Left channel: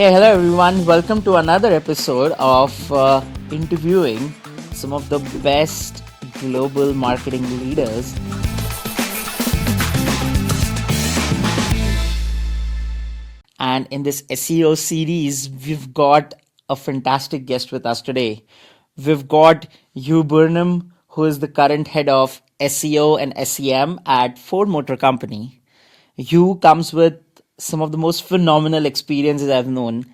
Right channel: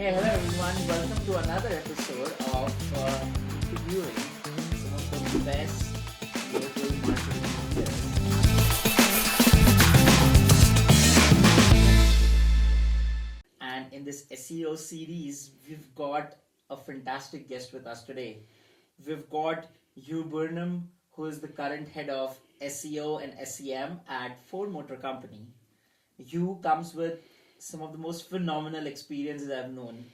Hey, hello everyone. Welcome to another episode of interviewing some of the best global marketing leaders. And in this SEO series, we've got a fantastic guest with us today. We've got Hugh Burnham, who is the current head of SEO and SEM at Ford Motor Company. Hugh comes with some of the most phenomenal experiences I've known.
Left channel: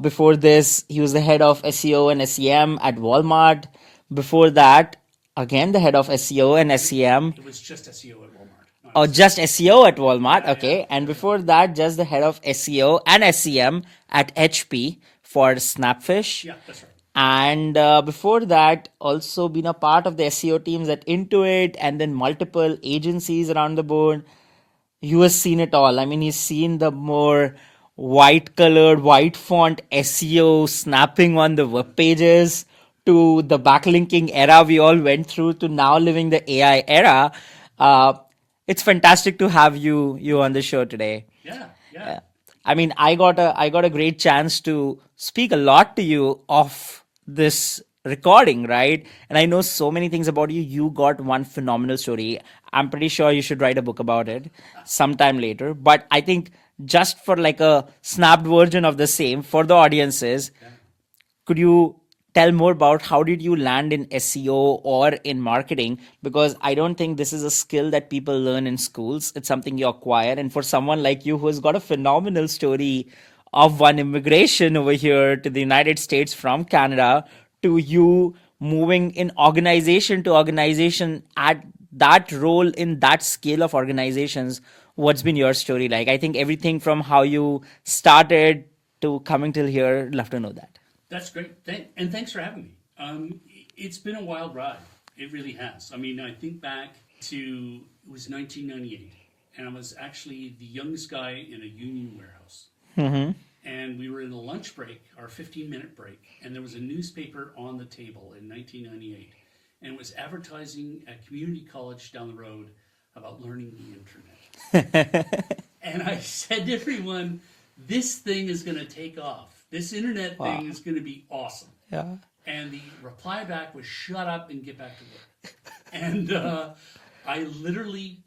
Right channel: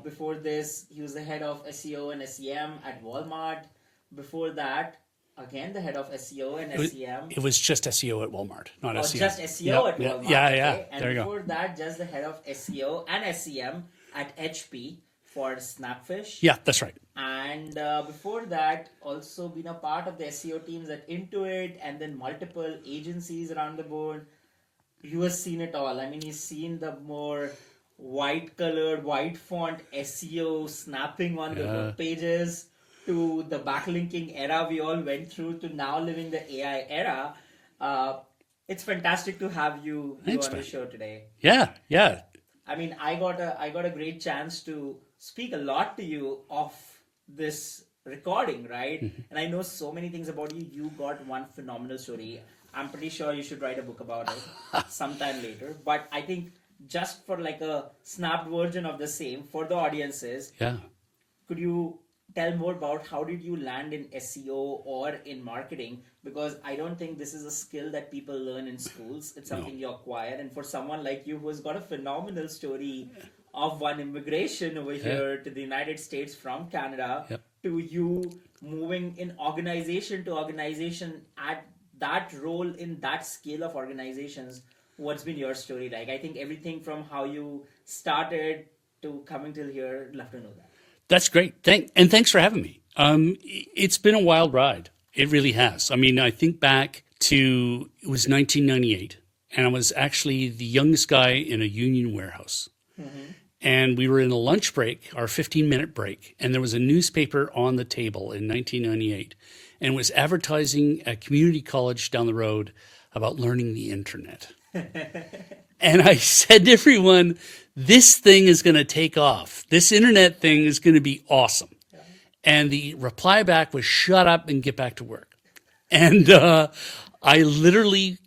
Before this, he was the head of SEO and SEM at Walmart. Before that, again, the head of SEO and SEM. It was just SEO at Walmart, not Oh, SEO. just SEO at Walmart. Yeah, Okay. yeah. And There you before that, just the head of SEO and SEM at HP for Snapfish. Yeah, that's right. And before that, also been a part of the SEO teams at Intuit and then multiple agencies around the board. You has seen it all. I mean, he's seen the more white colored, white font SEO snapping on the web pages to the backlinking era we all went through to now living the AI era. It's fantastic to have you on the show today. Yeah. I mean, I got a great chance to speak a lot to you off this recording, right? And I know so many things about you. You got one phenomenal story. I'm pretty sure you should write a book about it sometime later. But I think just for like a snapped version of the same for the audiences, Yeah. could you tell more about how did you land in SEO or in marketing? Because I don't think this is a skill that people learn in schools. It's something you acquire. And for someone like you who has got a phenomenal story of one immigration over here to the United States from Canada to you moving in organization to organization at that role in that scale of organizations, what's been your story like? I think everything from how you started to coming till here, love to know that. That's great. Thanks for having me. It's been a wild ride. It really has. I mean, I think back to, it was 1998, and I was actually the youngest guy in a union warehouse. And we were in a lunch break, our 15-minute break, and there was a newspaper on the table in 1998, and it was advertising at community college down the road about learning the internet. And I said to everyone, this thing is going to take off. This internet thing is going to be awesome. Yeah. And the reply back was, shut up and get back to work. And I literally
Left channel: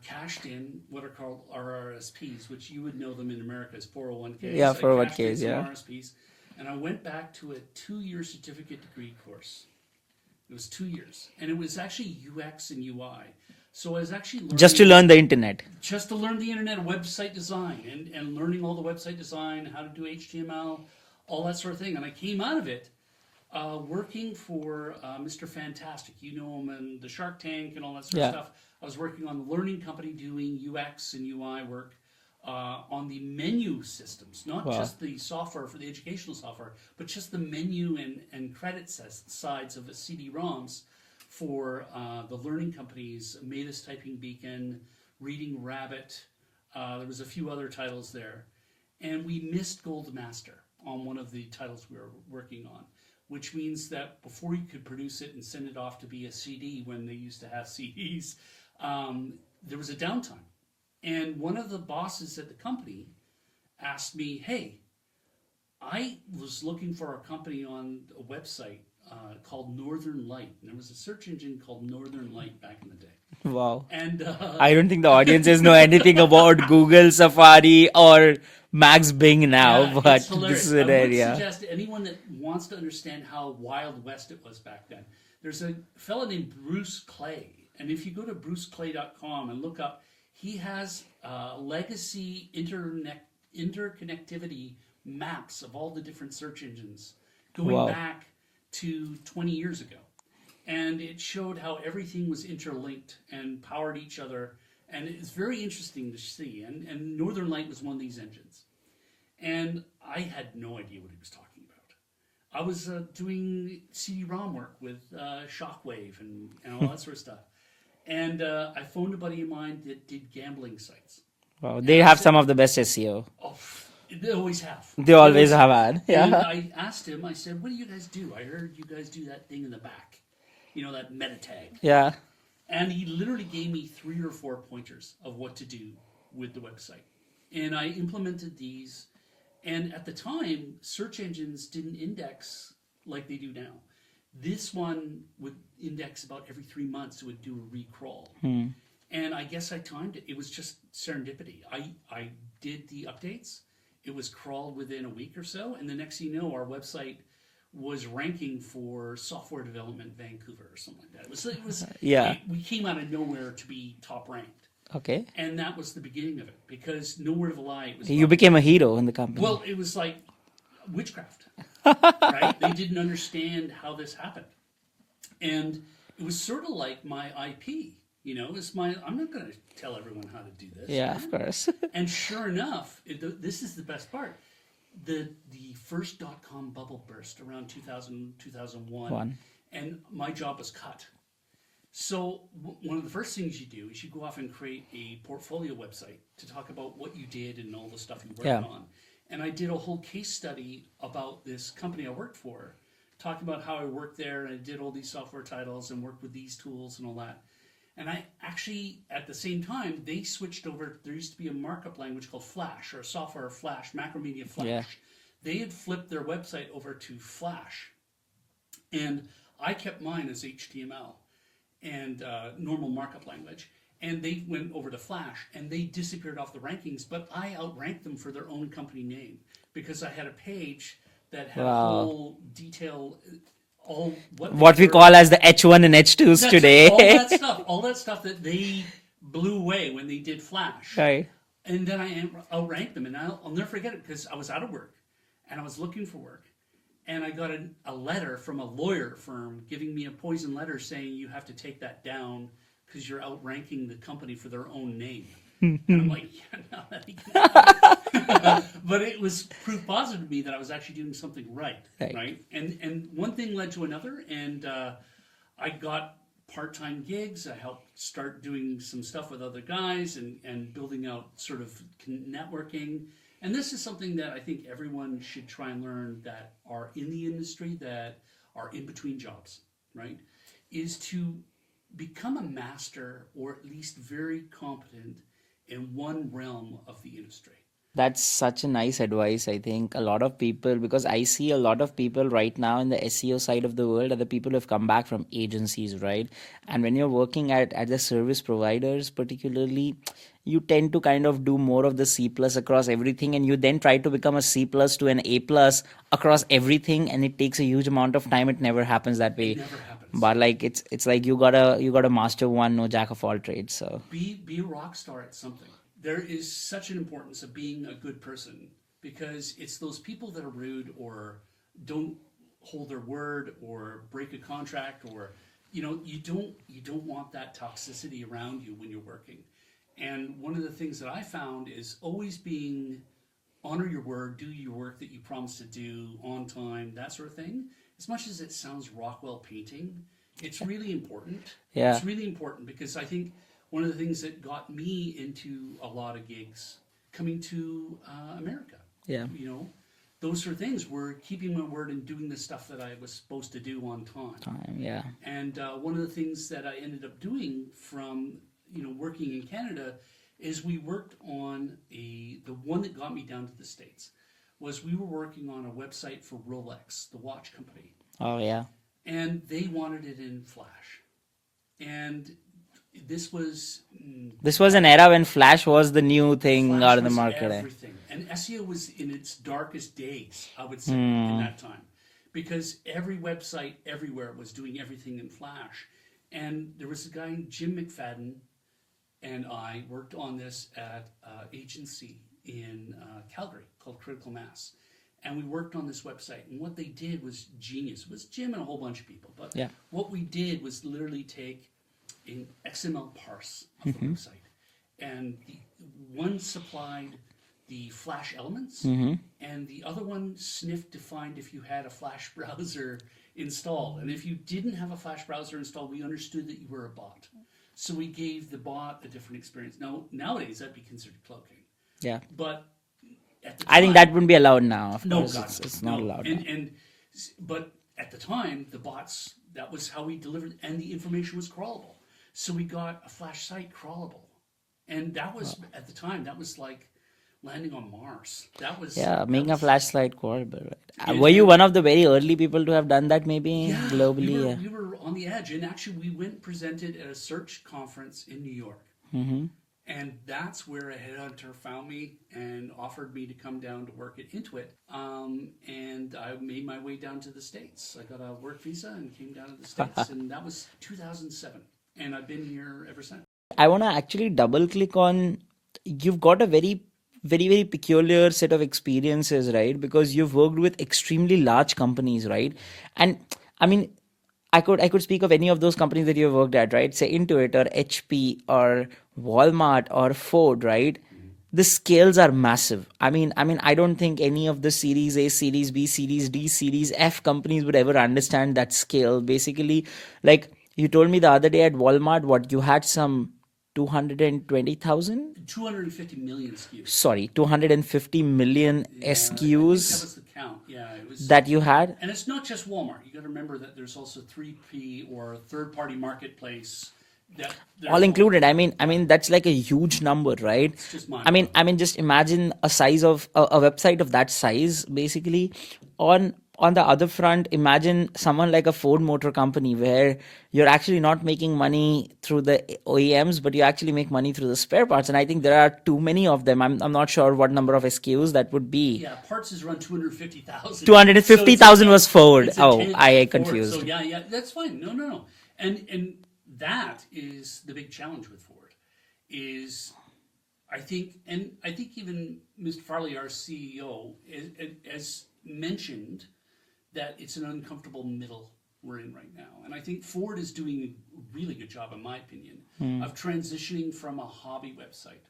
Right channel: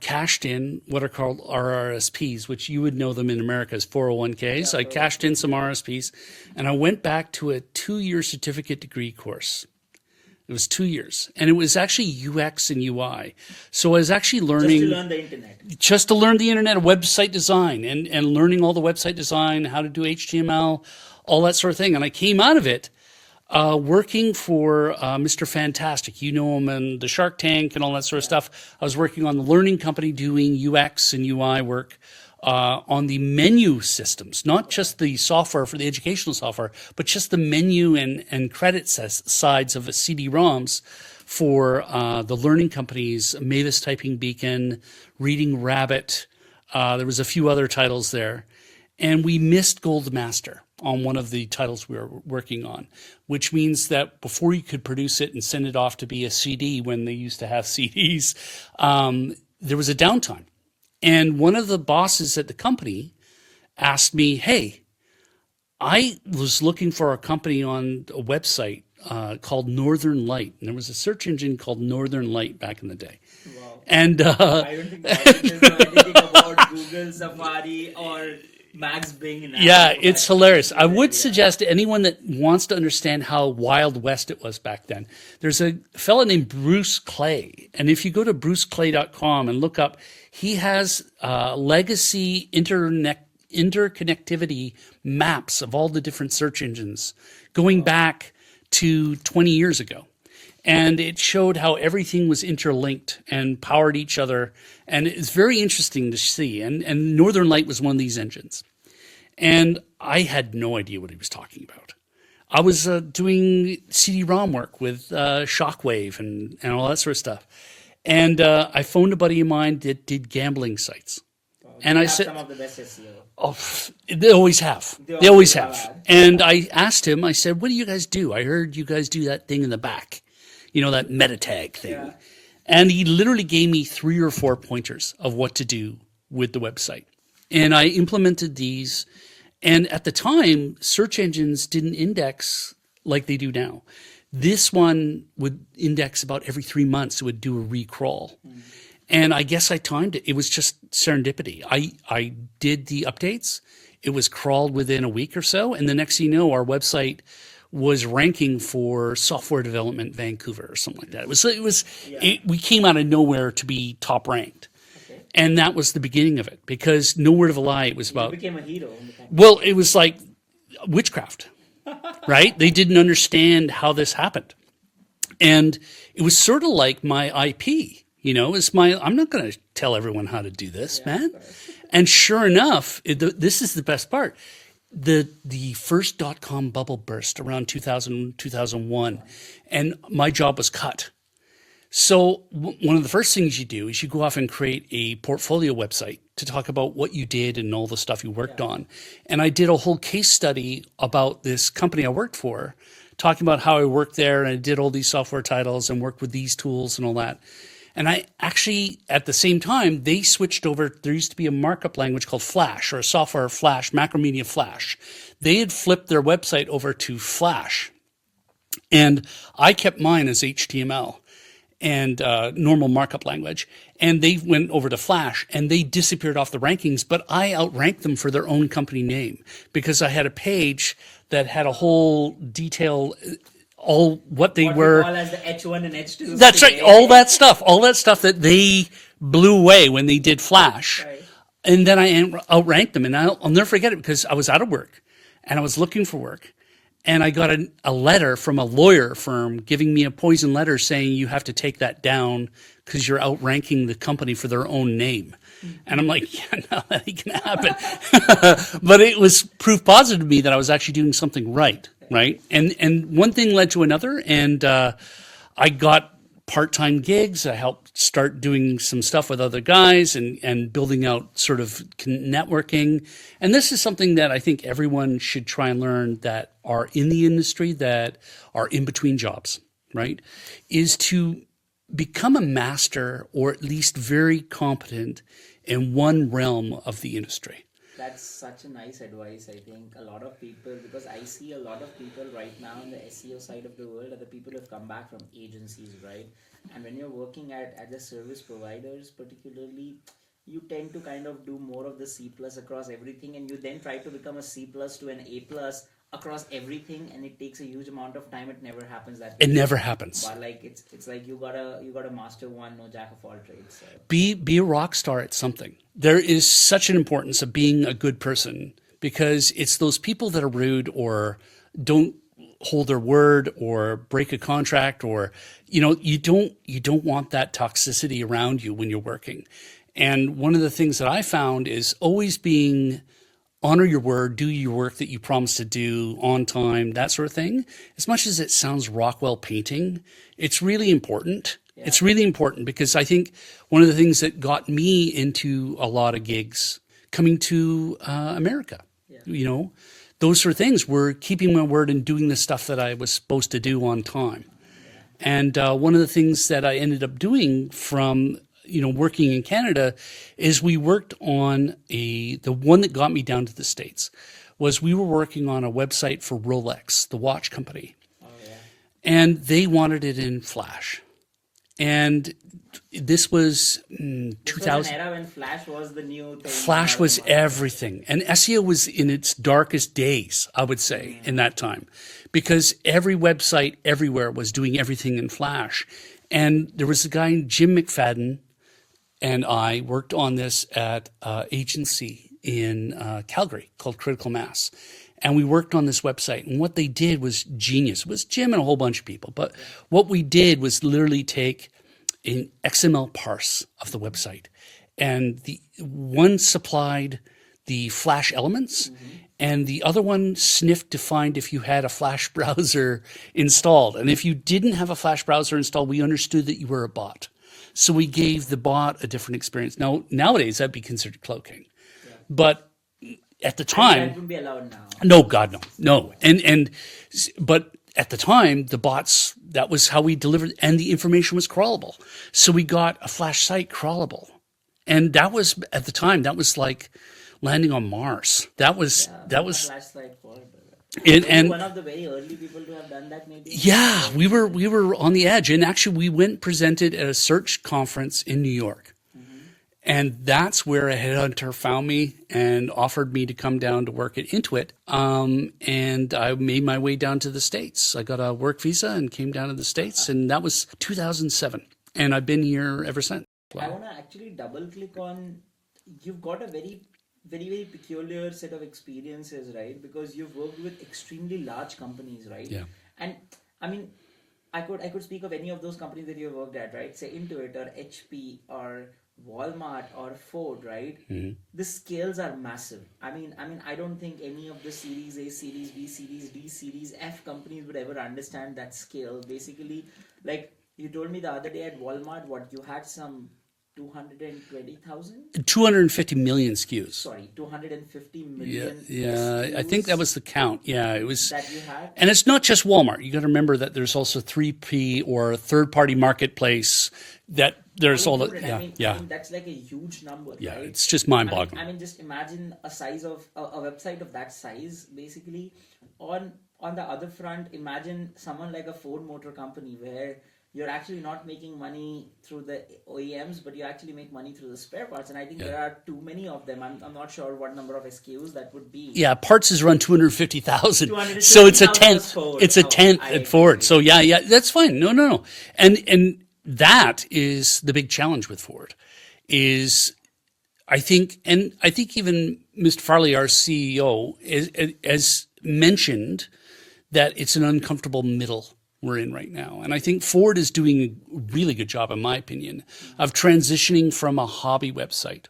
cashed in what are called RRSPs, which you would know them in America as 401ks. Yeah, I cashed in 401ks, some yeah. RRSPs, and I went back to a 2-year certificate degree course. It was 2 years, and it was actually UX and UI. So I was actually learning Just to learn the internet. just to learn the internet, website design, and learning all the website design, how to do HTML, all that sort of thing. And I came out of it working for Mr. Fantastic. You know him and the Shark Tank and all that sort of stuff. I was working on the learning company doing UX and UI work on the menu systems, not just the software for the educational software, but just the menu and credit sides of the CD-ROMs for the learning companies, Mavis Typing Beacon, Reading Rabbit. There was a few other titles there. And we missed Gold Master on one of the titles we were working on, which means that before you could produce it and send it off to be a CD when they used to have CDs, there was a downtime. And one of the bosses at the company asked me, hey, I was looking for a company on a website called Northern Light. And there was a search engine called Northern Light back in the day. Wow. And I don't think the audiences know anything about Google, Safari, or Max Bing now. yeah, but it's hilarious. this is I an would area. suggest to anyone that wants to understand how Wild West it was back then, there's a fella named Bruce Clay. And if you go to bruceclay.com and look up, he has legacy interconnectivity maps of all the different search engines going back to 20 years ago. And it showed how everything was interlinked and powered each other. And it's very interesting to see. And Northern Light was one of these engines. And I had no idea what he was talking about. I was doing CD-ROM work with Shockwave and all that sort of stuff. And I phoned a buddy of mine that did gambling sites. Wow, they have some of the best SEO. Oh, they always have. They always have had. And I asked him, I said, what do you guys do? I heard you guys do that thing in the back, you know, that meta tag thing. Yeah. And he literally gave me 3 or 4 pointers of what to do with the website. And I implemented these And at the time, search engines didn't index like they do now. This one would index about every 3 months. It would do a recrawl. And I guess I timed it. It was just serendipity. I did the updates. It was crawled within a week or so. And the next thing you know, our website was ranking for software development Vancouver or something like that. We came out of nowhere to be top ranked. Okay. And that was the beginning of it, because no word of a lie, it was You about, became a hero in the company. well, it was like witchcraft, right? They didn't understand how this happened. And it was sort of like my IP, I'm not going to tell everyone how to do this, Yeah, man. of course. And sure enough, this is the best part. The first .com bubble burst around 2000, 2001, and my job was cut. So one of the first things you do is you go off and create a portfolio website to talk about what you did and all the stuff you worked on. And I did a whole case study about this company I worked for, talking about how I worked there, and I did all these software titles and worked with these tools and all that. And I actually, at the same time, they switched over. There used to be a markup language called Flash, or a software Flash, Macromedia Flash. They had flipped their website over to Flash. And I kept mine as HTML and normal markup language. And they went over to Flash, and they disappeared off the rankings, but I outranked them for their own company name, because I had a page that had a whole detail, all what they what were. we call as the H1 and H2s That's today. right. All that stuff that they blew away when they did Flash. Right. And then I outranked them, and I'll never forget it, because I was out of work and I was looking for work. And I got a letter from a lawyer firm giving me a poison letter saying you have to take that down because you're outranking the company for their own name. And I'm like, yeah, no, that ain't gonna happen. But it was proof positive to me that I was actually doing something right. And one thing led to another, and I got part-time gigs. I helped start doing some stuff with other guys and building out sort of networking. And this is something that I think everyone should try and learn, that are in the industry, that are in between jobs, right? Is to become a master, or at least very competent in one realm of the industry. That's such a nice advice. I think a lot of people, because I see a lot of people right now in the SEO side of the world, are the people who have come back from agencies, right? And when you're working at the service providers, particularly, you tend to kind of do more of the C plus across everything, and you then try to become a C plus to an A plus across everything, and it takes a huge amount of time. It never happens that way. It never happens. But like it's like you gotta master one, no jack of all trades. So be a rock star at something. There is such an importance of being a good person, because it's those people that are rude or don't hold their word or break a contract, or you don't want that toxicity around you when you're working. And one of the things that I found is always honor your word, do your work that you promised to do on time, that sort of thing. As much as it sounds Rockwell painting, it's really important. Yeah. It's really important, because I think one of the things that got me into a lot of gigs coming to America, those sort of things were keeping my word and doing the stuff that I was supposed to do on time. yeah. And one of the things that I ended up doing from working in Canada is we worked on the one that got me down to the States was we were working on a website for Rolex, the watch company. Oh yeah. And they wanted it in Flash. And this was an era when Flash was the new thing. Flash was the market. everything. And SEO was in its darkest days, I would say, in that time. Because every website everywhere was doing everything in Flash. And there was a guy, Jim McFadden, and I worked on this at an agency in Calgary called Critical Mass. And we worked on this website. And what they did was genius. It was Jim and a whole bunch of people. But what we did was literally take an XML parse of the website. And the one supplied the Flash elements, and the other one sniffed to find if you had a Flash browser installed. And if you didn't have a Flash browser installed, we understood that you were a bot. So we gave the bot a different experience. Now, nowadays, that'd be considered cloaking. Yeah. But at the time, I think that wouldn't be allowed now. No, God, It's no. not allowed. But at the time, the bots, that was how we delivered, and the information was crawlable. So we got a Flash site crawlable. And that was, at the time, that was like landing on Mars. Yeah, That being a was flashlight corbett. it, Were you and one of the very early people to have done that, maybe yeah, globally? we were on the edge, and actually we went presented at a search conference in New York. And that's where a headhunter found me and offered me to come down to work at Intuit. And I made my way down to the States. I got a work visa and came down to the States, and that was 2007. And I've been here ever since. I want to actually double click on, you've got a very peculiar set of experiences, right? Because you've worked with extremely large companies, right? And I mean, I could speak of any of those companies that you've worked at, right? Say Intuit or HP or Walmart or Ford, right? The scales are massive. I mean, I don't think any of the Series A, Series B, Series D, Series F companies would ever understand that scale. Basically, like you told me the other day at Walmart, what you had some 220,000? 250 million SKUs. Sorry, 250 million Yeah, SKUs I think that was the count. Yeah, it was. that you had. And it's not just Walmart. You got to remember that there's also 3P or third-party marketplace that there's All included. I mean, yeah. that's like a huge number, right? It's just I mean, mind-boggling. just imagine a size of a website of that size, basically. On the other front, imagine someone like a Ford Motor Company where you're actually not making money through the OEMs, but you actually make money through the spare parts. And I think there are too many of them. I'm not sure what number of SKUs that would be. Yeah, parts is run 250,000. 250,000 was Ford. It's a Oh, tenth I at Ford. confused. So yeah, that's fine. No. And that is the big challenge with Ford is I think even Mr. Farley, our CEO, has mentioned that it's an uncomfortable middle we're in right now. And I think Ford is doing a really good job, in my opinion, of transitioning from a hobby website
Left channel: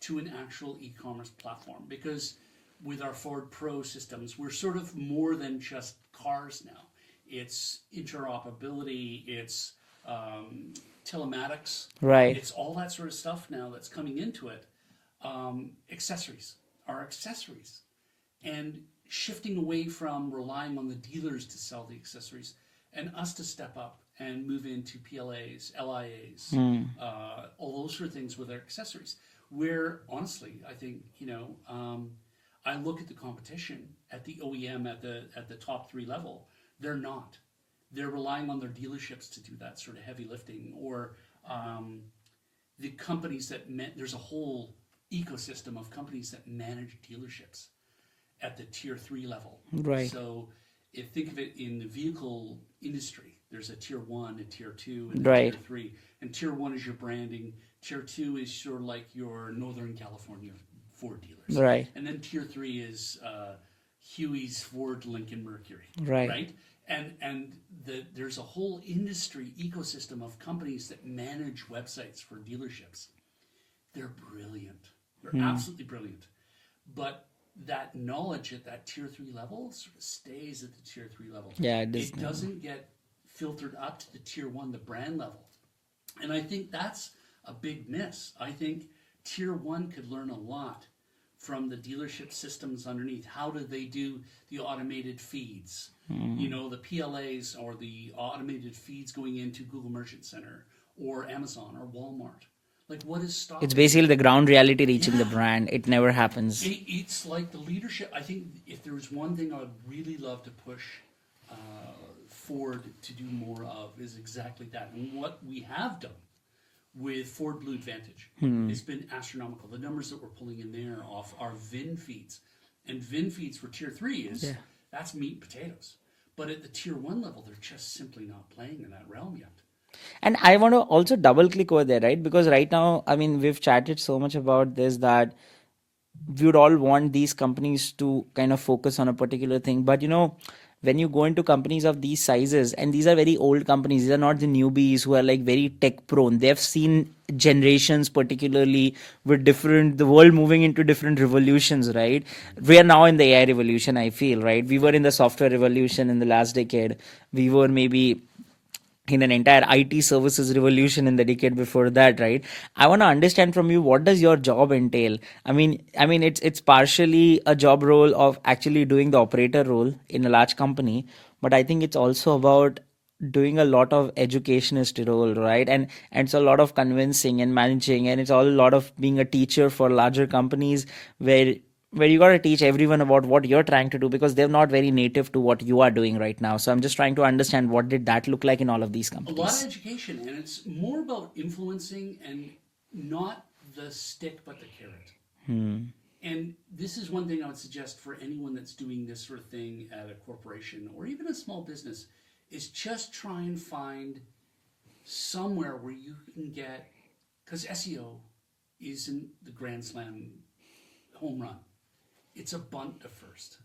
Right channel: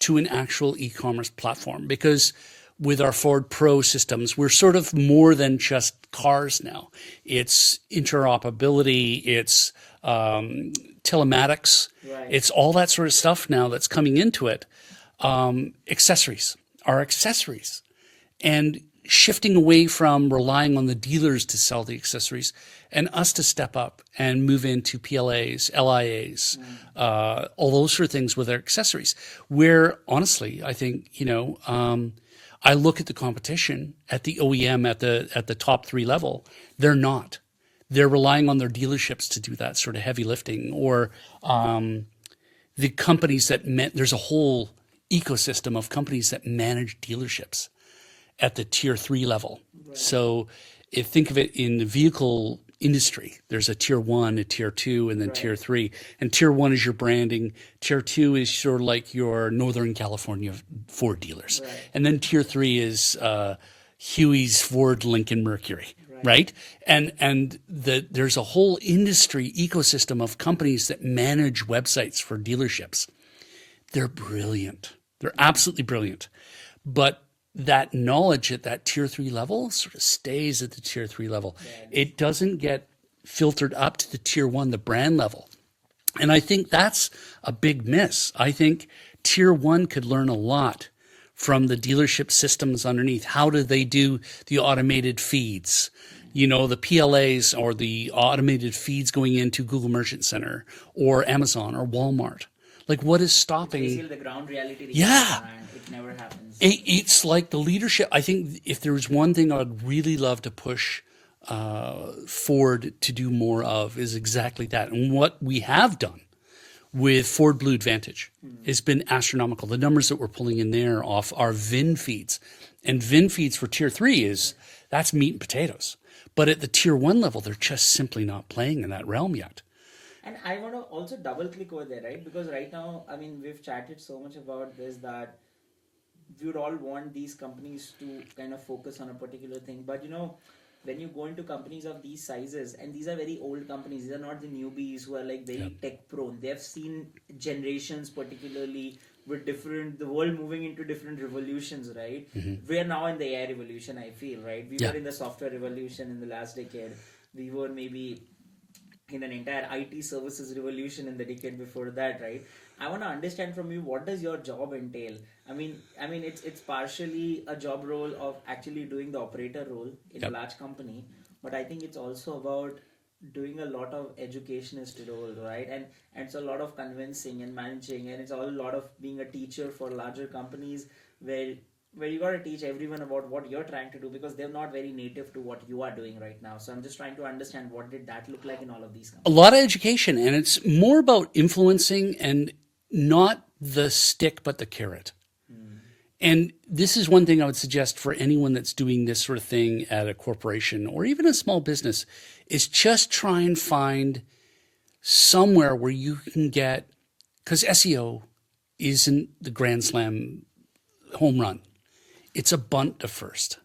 to an actual e-commerce platform. Because with our Ford Pro systems, we're sort of more than just cars now. It's interoperability, it's telematics, Right. it's all that sort of stuff now that's coming into it. Accessories, our accessories. And shifting away from relying on the dealers to sell the accessories and us to step up and move into PLAs, LIAs, all those sort of things with our accessories. Where honestly, I think, I look at the competition at the OEM at the top 3 level. They're not. They're relying on their dealerships to do that sort of heavy lifting, or the companies there's a whole ecosystem of companies that manage dealerships at the tier 3 level. Right. So think of it in the vehicle industry. There's a tier 1, a tier 2, and then Right. tier 3. And tier 1 is your branding. Tier 2 is sort of like your Northern California Ford dealers. Right. And then tier 3 is Huey's Ford, Lincoln, Mercury. Right. And there's a whole industry ecosystem of companies that manage websites for dealerships. They're brilliant. They're absolutely brilliant. But that knowledge at that tier 3 level sort of stays at the tier 3 level. Yeah, it doesn't get filtered up to the tier 1, the brand level. And I think that's a big miss. I think tier 1 could learn a lot from the dealership systems underneath. How do they do the automated feeds? The PLAs or the automated feeds going into Google Merchant Center or Amazon or Walmart. Like, what is stopping? It's basically the ground reality reaching the Yeah. brand. It never happens. It's like the leadership. I think if there was one thing I would really love to push Ford to do more of is exactly that. And what we have done with Ford Blue Advantage has been astronomical. The numbers that we're pulling in there off our VIN feeds. And VIN feeds for tier 3 that's meat and potatoes. But at the tier 1 level, they're just simply not playing in that realm yet. And I want to also double click over there, right? Because right now, I mean, we've chatted so much about this that we would all want these companies to kind of focus on a particular thing. But when you go into companies of these sizes, and these are very old companies, these are not the newbies who are like very tech prone. They've seen generations, particularly with the world moving into different revolutions, right? We are now in the AI revolution, I feel, right? We were in the software revolution in the last decade. We were maybe in an entire IT services revolution in the decade before that, right? I want to understand from you, what does your job entail? I mean, it's partially a job role of actually doing the operator role in a large company, but I think it's also about doing a lot of educationist role, right? And it's a lot of convincing and managing, and it's all a lot of being a teacher for larger companies where you got to teach everyone about what you're trying to do because they're not very native to what you are doing right now. So I'm just trying to understand what did that look like in all of these A lot of companies. education, and it's more about influencing and not the stick, but the carrot. And this is one thing I would suggest for anyone that's doing this sort of thing at a corporation or even a small business is just try and find somewhere where you can get, because SEO isn't the grand slam home run. It's a bunt to first.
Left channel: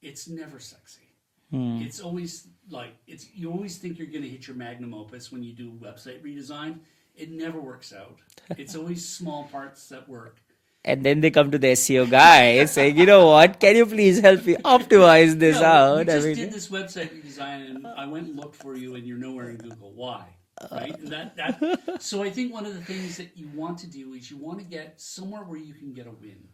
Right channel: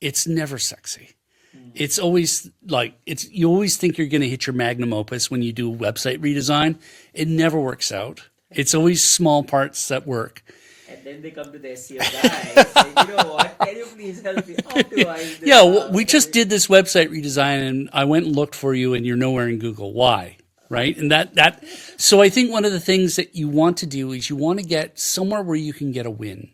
It's never sexy. It's always like you always think you're going to hit your magnum opus when you do website redesign. It never works out. It's always small parts that work. And then they come to the SEO guy saying, you know what, can you please help me optimize this Yeah, we out? just did this website redesign and I went and looked for you and you're nowhere in Google. Why? Right? And that so I think one of the things that you want to do is you want to get somewhere where you can get a win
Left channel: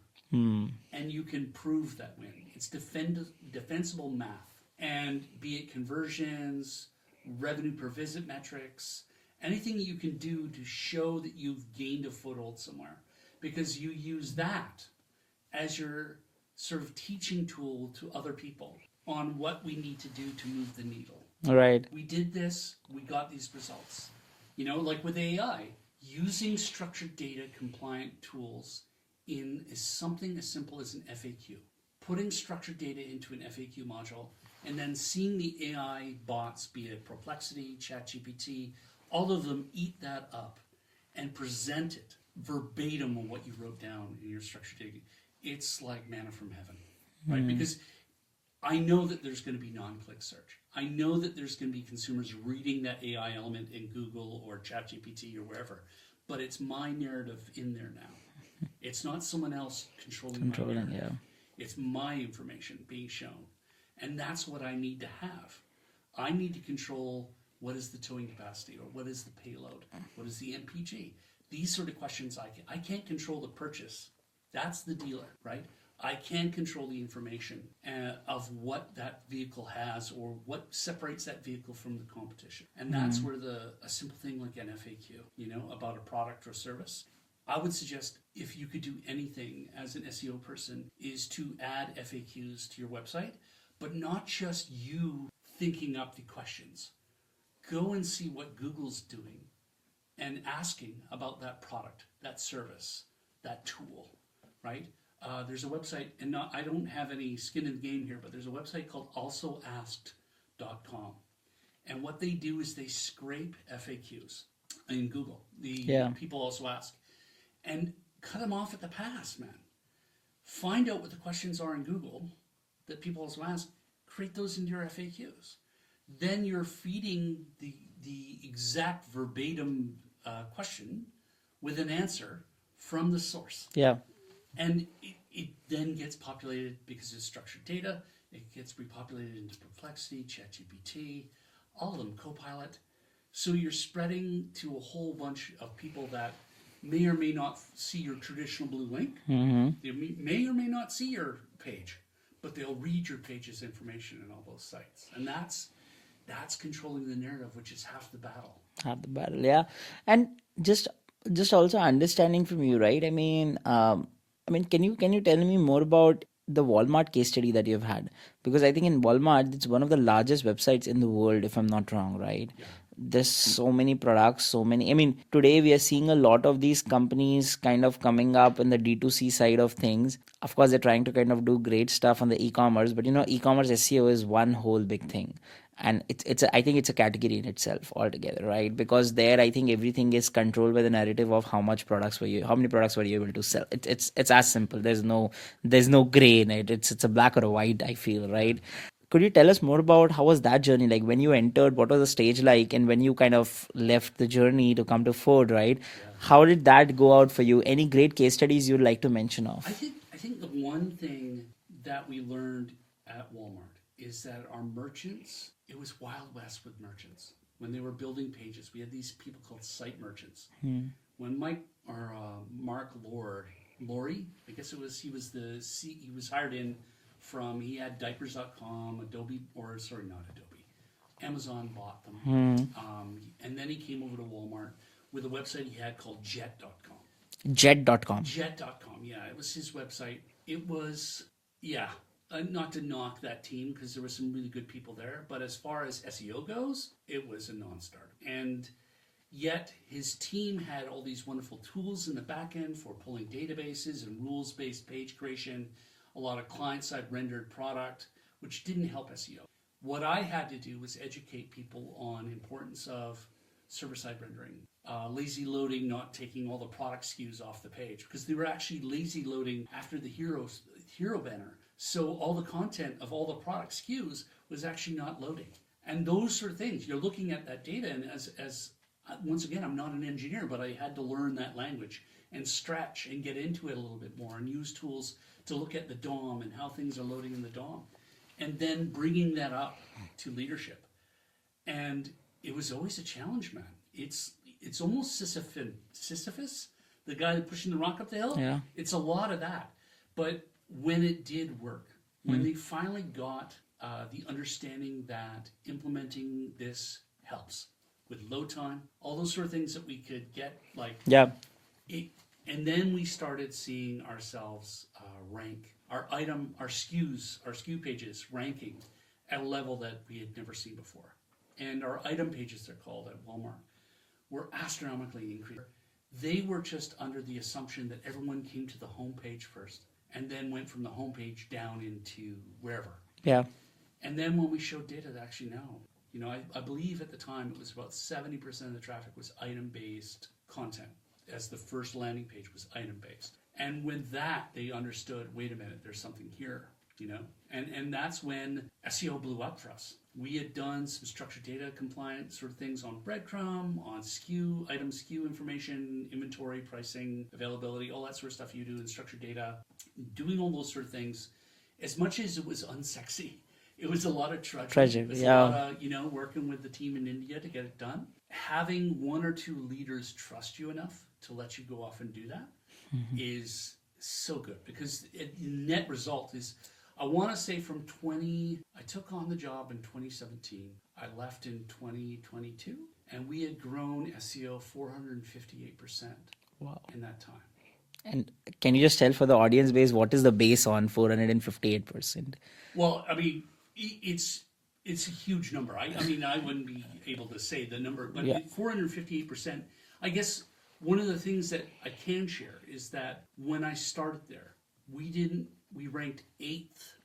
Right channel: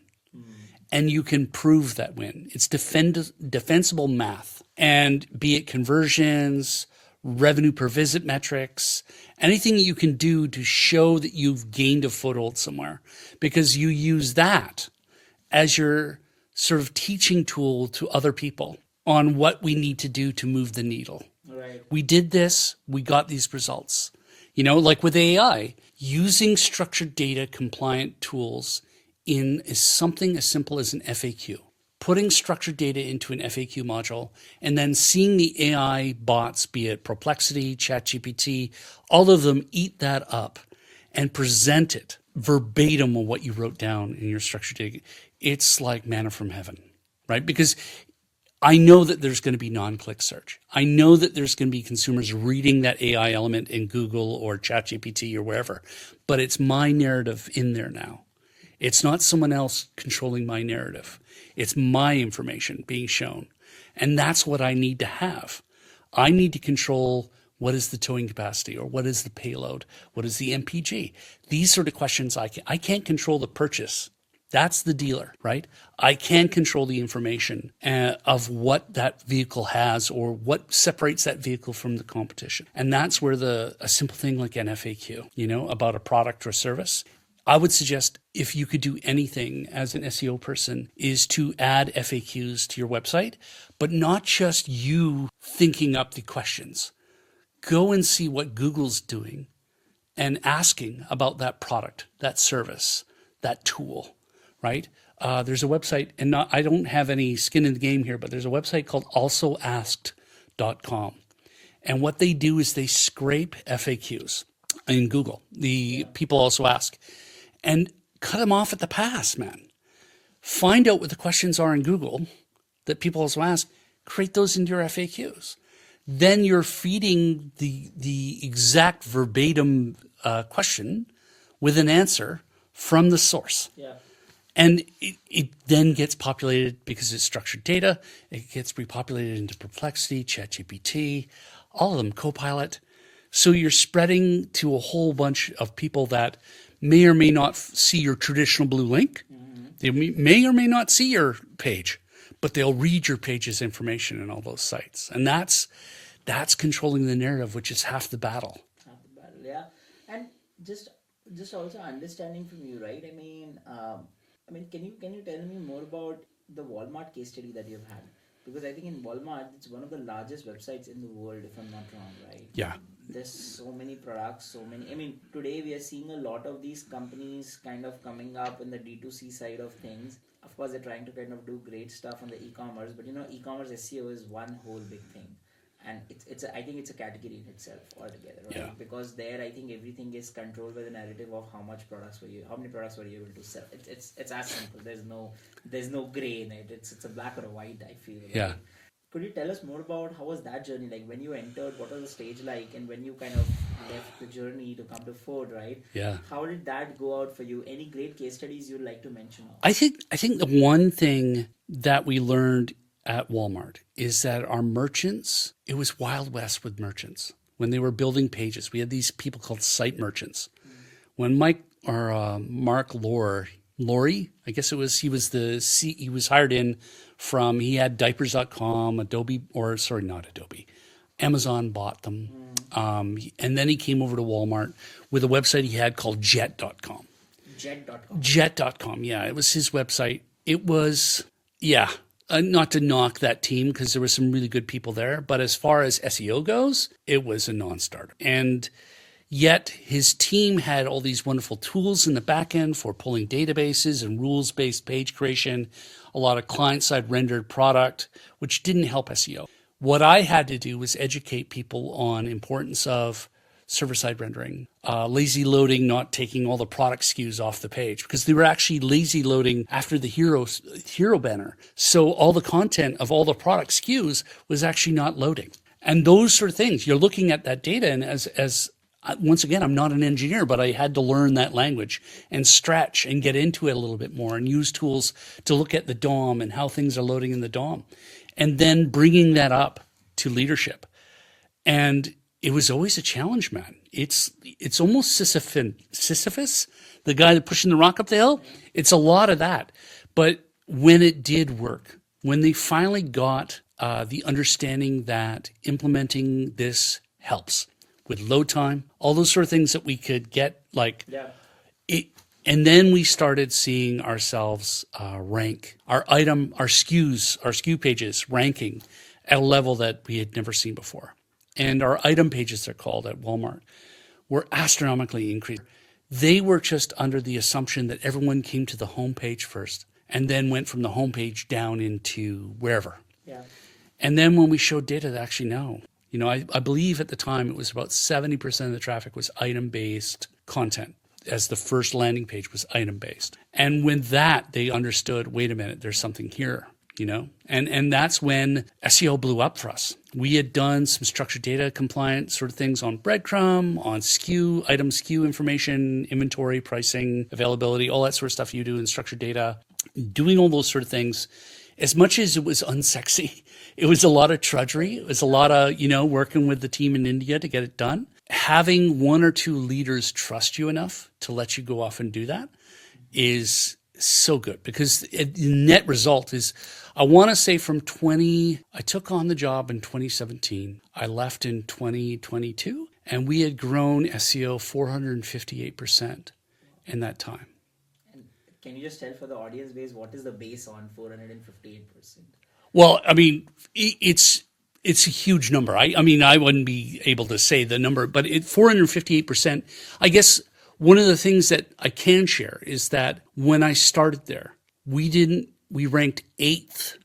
and you can prove that win. It's defensible math, and be it conversions, revenue per visit metrics, anything you can do to show that you've gained a foothold somewhere, because you use that as your sort of teaching tool to other people on what we need to do to move the needle. Right. We did this, we got these results. You know, like with AI, using structured data compliant tools in is something as simple as an FAQ. Putting structured data into an FAQ module and then seeing the AI bots, be it Perplexity, ChatGPT, all of them eat that up and present it verbatim of what you wrote down in your structured data. It's like manna from heaven, right? Because I know that there's going to be non-click search. I know that there's going to be consumers reading that AI element in Google or ChatGPT or wherever, but it's my narrative in there now. It's not someone else controlling my narrative. It's my information being shown. And that's what I need to have. I need to control what is the towing capacity or what is the payload? What is the MPG? These sort of questions I can't control the purchase. That's the dealer, right? I can control the information of what that vehicle has or what separates that vehicle from the competition. And that's where a simple thing like an FAQ, you know, about a product or service, I would suggest if you could do anything as an SEO person is to add FAQs to your website, but not just you thinking up the questions. Go and see what Google's doing and asking about that product, that service, that tool, right? There's a website, and I don't have any skin in the game here, but there's a website called alsoasked.com. And what they do is they scrape FAQs in Google. People also ask. And cut them off at the pass, man. Find out what the questions are in Google that people also ask. Create those into your FAQs. Then you're feeding the exact verbatim question with an answer from the source. Yeah. And it then gets populated because it's structured data. It gets repopulated into Perplexity, ChatGPT, all of them, Copilot. So you're spreading to a whole bunch of people that may or may not see your traditional blue link. They may or may not see your page, but they'll read your page's information in all those sites. And that's controlling the narrative, which is half the battle. Half the battle, yeah. And just also understanding from you, right? Can you tell me more about the Walmart case study that you've had? Because I think in Walmart, it's one of the largest websites in the world, if I'm not wrong, right? Yeah. There's so many products, so many. Today we are seeing a lot of these companies kind of coming up in the D2C side of things. Of course, they're trying to kind of do great stuff on the e-commerce, but e-commerce SEO is one whole big thing. And I think it's a category in itself altogether, right? Yeah. Because there I think everything is controlled by the narrative of how many products were you able to sell. It's as simple. There's no gray in it. It's a black or a white, I feel, right? Could you tell us more about how was that journey like when you entered? What was the stage like, and when you kind of left the journey to come to Ford, right? Yeah. How did that go out for you? Any great case studies you'd like to mention of? I think the one thing that we learned at Walmart is that our merchants, it was Wild West with merchants. When they were building pages, we had these people called site merchants. When Mark Laurie, I guess it was, he was hired in from, he had diapers.com, not Adobe, Amazon bought them. And then he came over to Walmart with a website he had called jet.com. Jet.com. Jet.com, yeah, it was his website. It was, yeah, not to knock that team because there were some really good people there, but as far as SEO goes, it was a non-starter. And yet his team had all these wonderful tools in the back end for pulling databases and rules-based page creation, a lot of client-side rendered product, which didn't help SEO. What I had to do was educate people on importance of server-side rendering, lazy loading, not taking all the product SKUs off the page because they were actually lazy loading after the hero banner. So all the content of all the product SKUs was actually not loading. And those sort of things, you're looking at that data, and as once again, I'm not an engineer, but I had to learn that language and stretch and get into it a little bit more and use tools to look at the DOM and how things are loading in the DOM, and then bringing that up to leadership. And it was always a challenge, man. It's almost Sisyphus, the guy that pushing the rock up the hill. Yeah. It's a lot of that. But when it did work, when they finally got the understanding that implementing this helps with load time, all those sort of things that we could get, like Yeah. it, and then we started seeing ourselves rank our SKU pages ranking at a level that we had never seen before. And our item pages, they're called at Walmart, were astronomically increased. They were just under the assumption that everyone came to the homepage first and then went from the homepage down into wherever. Yeah. And then when we showed data, that actually no. You know, I believe at the time it was about 70% of the traffic was item-based content, as the first landing page was item-based. And when that, they understood, wait a minute, there's something here, you know? And that's when SEO blew up for us. We had done some structured data compliant sort of things on breadcrumb, on SKU, item SKU information, inventory, pricing, availability, all that sort of stuff you do in structured data. Doing all those sort of things, as much as it was unsexy, it was a lot of trudgery. It was a lot of, you know, working with the team in India to get it done. Having one or two leaders trust you enough to let you go off and do that is so good, because the net result is, I want to say I took on the job in 2017. I left in 2022, and we had grown SEO 458% in that time. And can you just tell for the audience base, what is the base on 458%? Well, I mean, it's a huge number. I mean, I wouldn't be able to say the number, but 458%, I guess one of the things that I can share is that when I started there, we ranked 8th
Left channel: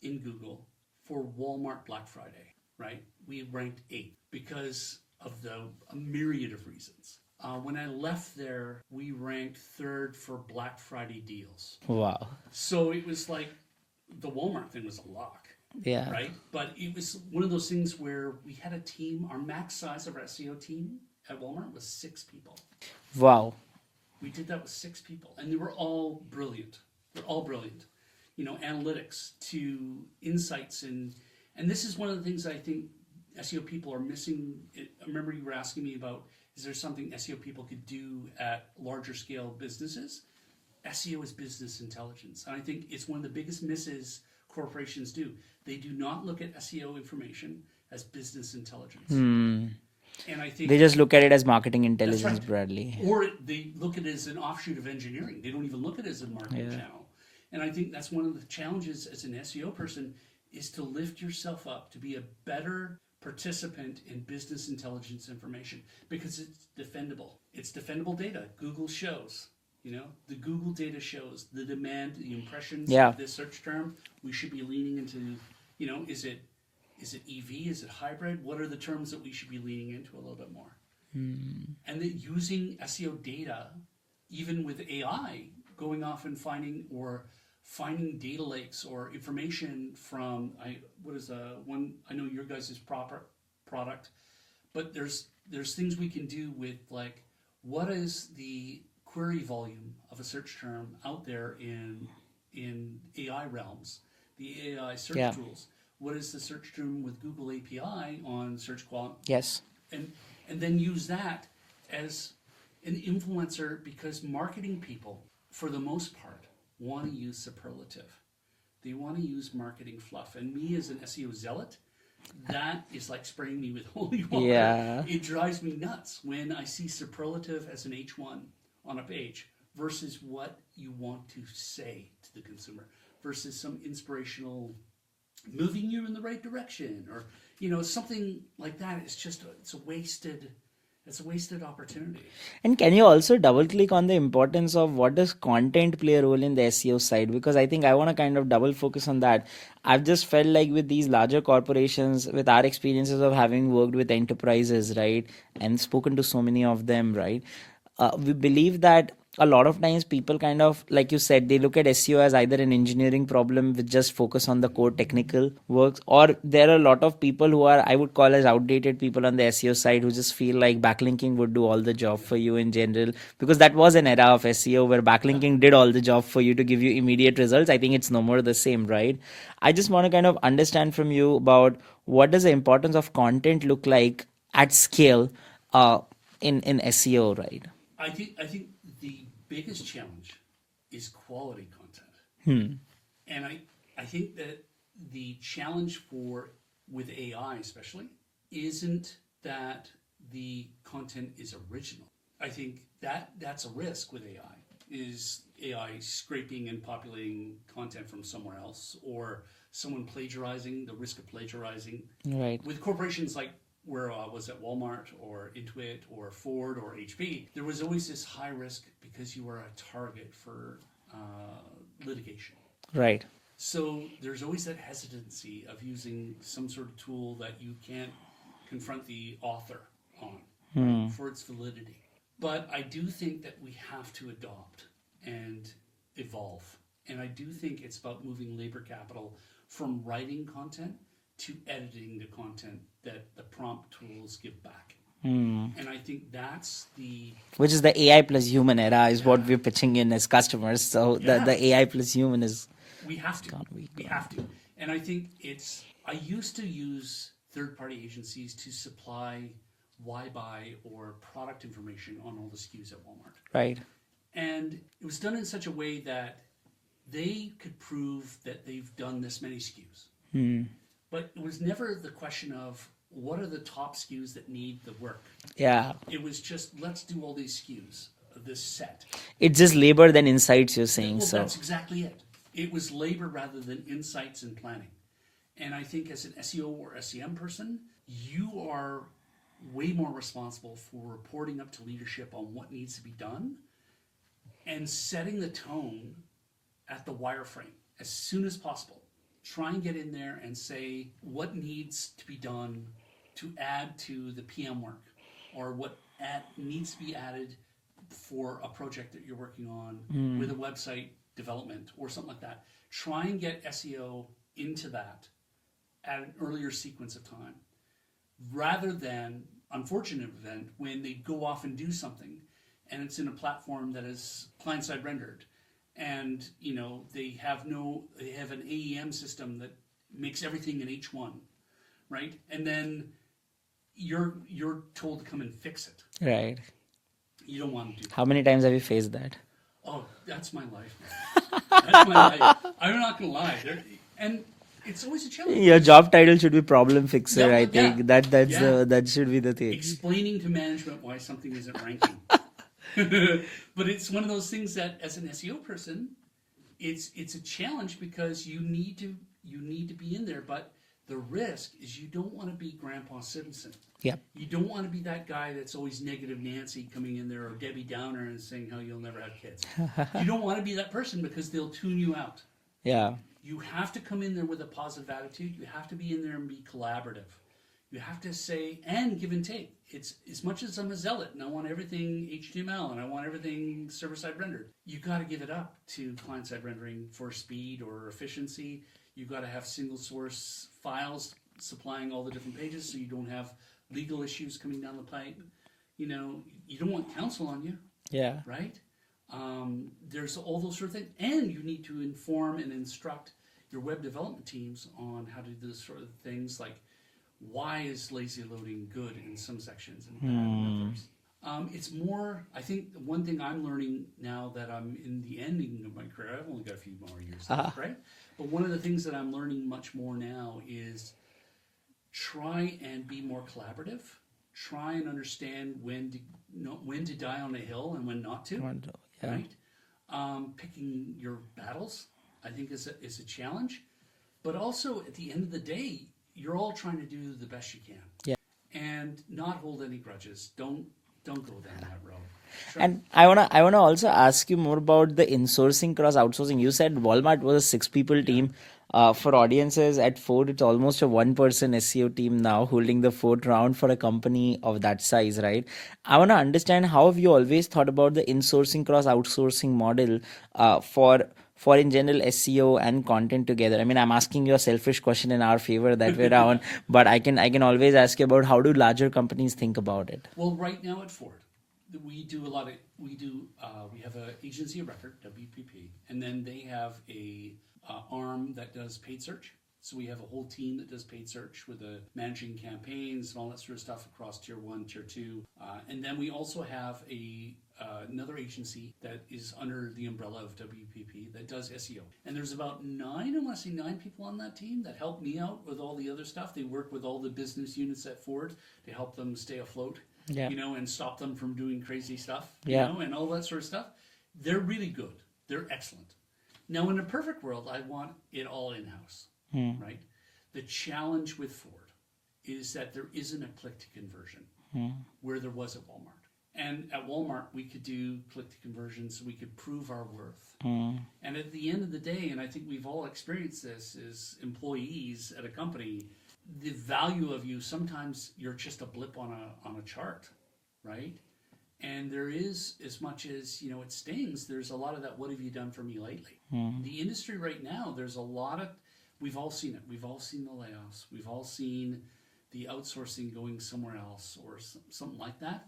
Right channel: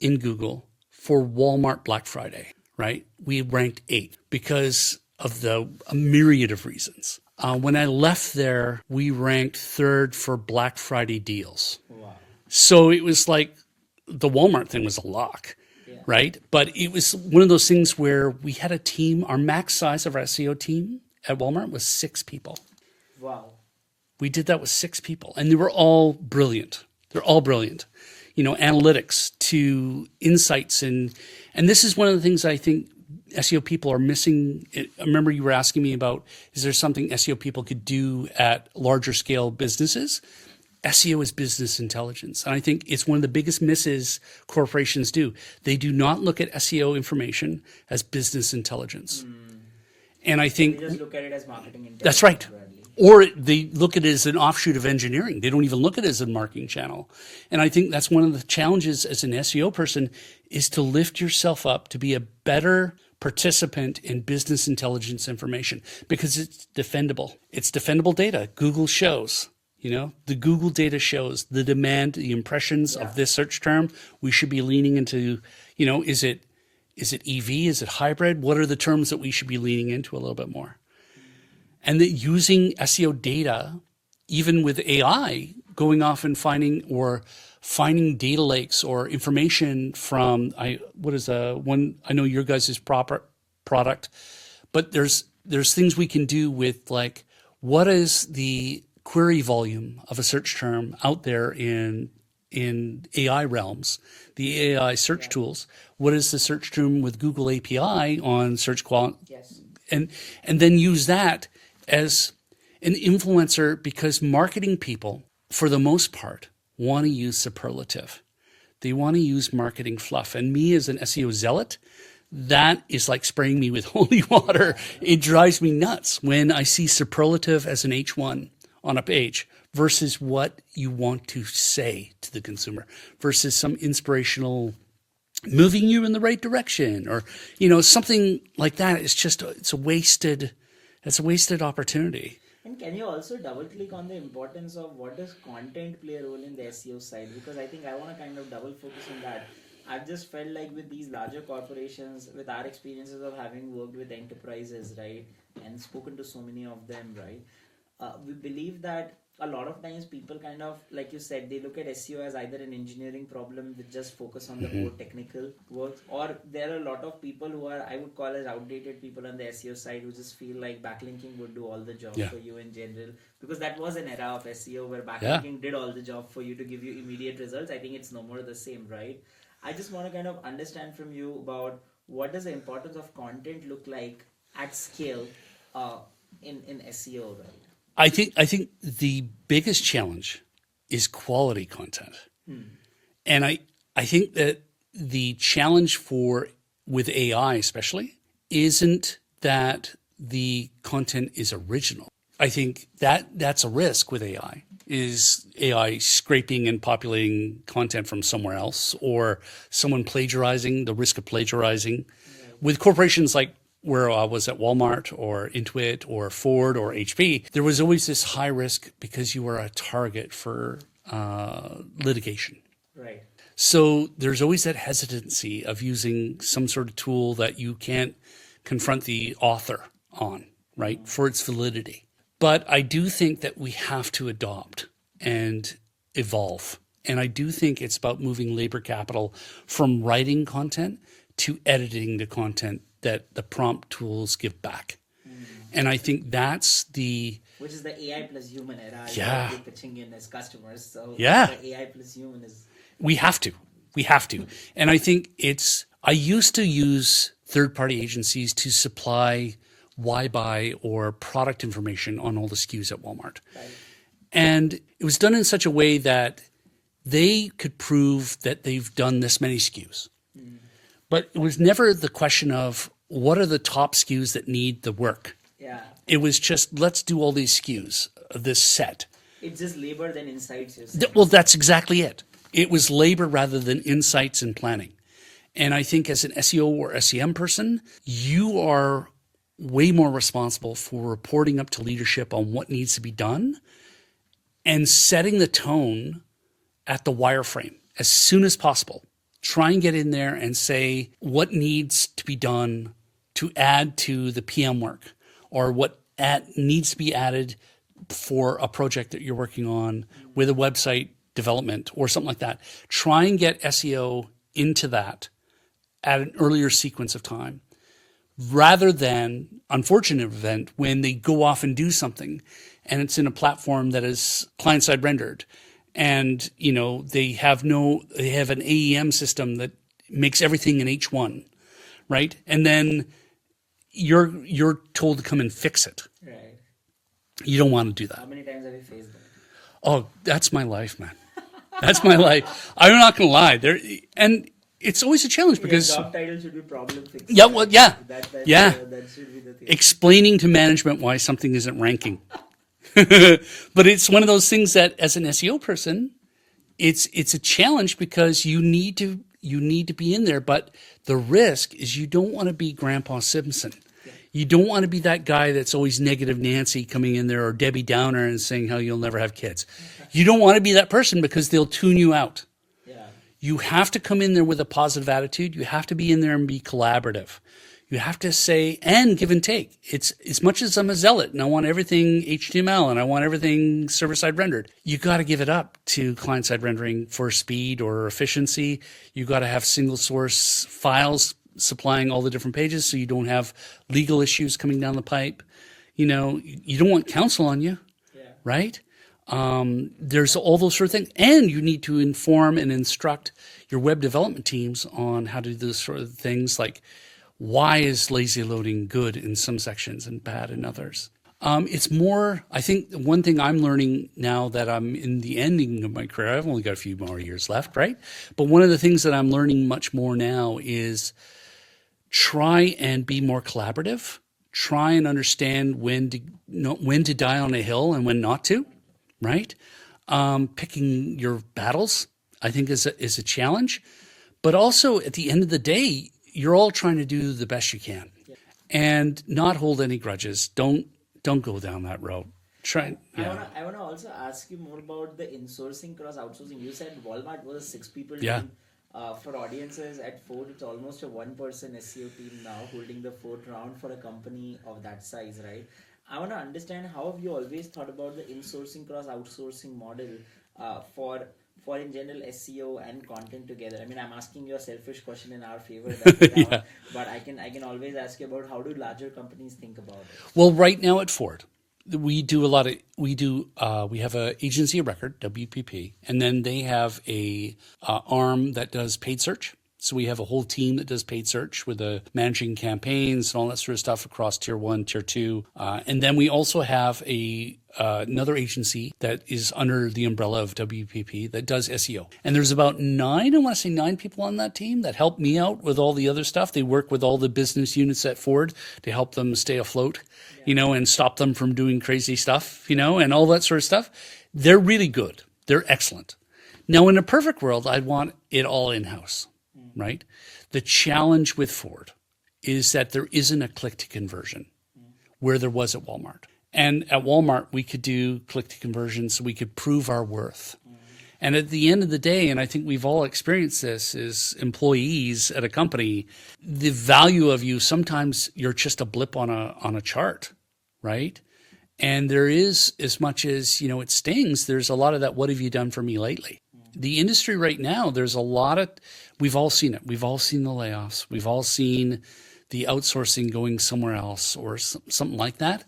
in Google for Walmart Black Friday, right? We ranked 8th because of a myriad of reasons. When I left there, we ranked 3rd for Black Friday deals. Wow. So it was like the Walmart thing was a lock. Yeah. Right. But it was one of those things where we had a team, our max size of our SEO team at Walmart was 6 people. Wow. We did that with 6 people, and they were all brilliant. They're all brilliant. You know, analytics to insights. And this is one of the things I think SEO people are missing. I remember you were asking me about, is there something SEO people could do at larger scale businesses? SEO is business intelligence. And I think it's one of the biggest misses corporations do. They do not look at SEO information as business intelligence. And I think They just look at it as marketing intelligence. that's right. Broadly. Or they look at it as an offshoot of engineering. They don't even look at it as a marketing channel. And I think that's one of the challenges as an SEO person, is to lift yourself up to be a better participant in business intelligence information, because it's defendable. It's defendable data. Google shows. You know, the Google data shows the demand, the impressions of this search term. We should be leaning into, you know, is it EV? Is it hybrid? What are the terms that we should be leaning into a little bit more? And that using SEO data, even with AI, going off and finding data lakes or information from, I know your guys' proper product, but there's things we can do with, like, what is the query volume of a search term out there in AI realms, the AI search tools. What is the search term with Google API on search quality? Yes. And then use that as an influencer, because marketing people, for the most part, want to use superlative. They want to use marketing fluff. And me as an SEO zealot, that is like spraying me with holy water. Yeah. It drives me nuts when I see superlative as an H1 on a page versus what you want to say to the consumer versus some inspirational moving you in the right direction or, something like that. It's a wasted opportunity. And can you also double click on the importance of what does content play a role in the SEO side? Because I think I want to kind of double focus on that. I've just felt like with these larger corporations, with our experiences of having worked with enterprises, right, and spoken to so many of them, right, we believe that a lot of times people kind of, like you said, they look at SEO as either an engineering problem with just focus on the core technical works, or there are a lot of people who are, I would call as outdated people on the SEO side who just feel like backlinking would do all the job Yeah. for you in general, because that was an era of SEO where backlinking did all the job for you to give you immediate results. I think it's no more the same, right? I just want to kind of understand from you about what does the importance of content look like at scale in SEO, right? I think the biggest challenge is quality content. And I think that the challenge with AI especially isn't that the content is original. I think that's a risk with AI, is AI scraping and populating content from somewhere else or someone plagiarizing, the risk of plagiarizing. Right. With corporations like where I was at Walmart or Intuit or Ford or HP, there was always this high risk because you were a target for litigation. Right. So there's always that hesitancy of using some sort of tool that you can't confront the author on, right, for its validity. But I do think that we have to adopt and evolve. And I do think it's about moving labor capital from writing content to editing the content that the prompt tools give back. And I think that's Which is the AI plus human era is what Yeah. we're pitching in as customers. So Yeah. the AI plus human is we have to. We have to. And I think I used to use third-party agencies to supply why-buy or product information on all the SKUs at Walmart. right. And it was done in such a way that they could prove that they've done this many SKUs. But it was never the question of what are the top SKUs that need the work. Yeah. It was just, let's do all these SKUs of this set. It's just labor than insights, you're saying. Well, so. that's exactly it. It was labor rather than insights and planning. And I think as an SEO or SEM person, you are way more responsible for reporting up to leadership on what needs to be done and setting the tone at the wireframe as soon as possible. Try and get in there and say what needs to be done to add to the PM work or what needs to be added for a project that you're working on with a website development or something like that. Try and get SEO into that at an earlier sequence of time rather than unfortunate event when they go off and do something and it's in a platform that is client-side rendered. And, they have an AEM system that makes everything in H1, right? And then you're told to come and fix it. Right. You don't want to do that. How many times have you faced that? Oh, that's my life, man. That's my life. I'm not going to lie. And it's always a challenge. Your job title should be problem fixer. Yeah, well, I yeah. think. Yeah. That should be the thing. Explaining to management why something isn't ranking. But it's one of those things that as an SEO person, it's a challenge because you need to be in there. But the risk is you don't want to be Grandpa Simpson. Yeah. You don't want to be that guy that's always negative Nancy coming in there or Debbie Downer and saying how you'll never have kids. You don't want to be that person because they'll tune you out. Yeah. You have to come in there with a positive attitude. You have to be in there and be collaborative. You have to say and give and take. It's as much as I'm a zealot and I want everything HTML and I want everything server-side rendered. You got to give it up to client-side rendering for speed or efficiency. You got to have single source files supplying all the different pages so you don't have legal issues coming down the pipe. You don't want counsel on you, Yeah. right? There's all those sort of things. And you need to inform and instruct your web development teams on how to do those sort of things like why is lazy loading good in some sections and bad in others. It's more, I think one thing I'm learning now that I'm in the ending of my career, I've only got a few more years left, right? But one of the things that I'm learning much more now is try and be more collaborative. Try and understand when to die on a hill and when not to, right? Picking your battles, I think, is a challenge. But also, at the end of the day, you're all trying to do the best you can, Yeah. and not hold any grudges. Don't go down that road. Try, And I wanna also ask you more about the insourcing cross outsourcing. You said Walmart was a 6 people yeah. team. For audiences at Ford, it's almost a 1 person SEO team now holding the fourth round for a company of that size, right? I wanna understand, how have you always thought about the insourcing cross outsourcing model for in general SEO and content together? I mean, I'm asking you a selfish question in our favor that way Yeah. around, but I can always ask you about how do larger companies think about it? Well, right now at Ford, we do a lot of we have a agency of record, WPP, and then they have a arm that does paid search. So we have a whole team that does paid search with managing campaigns and all that sort of stuff across tier 1, tier 2, and then we also have another agency that is under the umbrella of WPP that does SEO. And there's about I want to say 9 people on that team that help me out with all the other stuff. They work with all the business units at Ford to help them stay afloat, Yeah. and stop them from doing crazy stuff, Yeah. and all that sort of stuff. They're really good. They're excellent. Now, in a perfect world, I'd want it all in-house, right? The challenge with Ford is that there isn't a click to conversion where there was at Walmart. And at Walmart, we could do click to conversion so we could prove our worth. And at the end of the day, and I think we've all experienced this as employees at a company, the value of you, sometimes you're just a blip on a chart, right? And there is, as much as, it stings, there's a lot of that, what have you done for me lately? The industry right now, there's a lot of, we've all seen it. We've all seen the layoffs. We've all seen the outsourcing going somewhere else or something like that.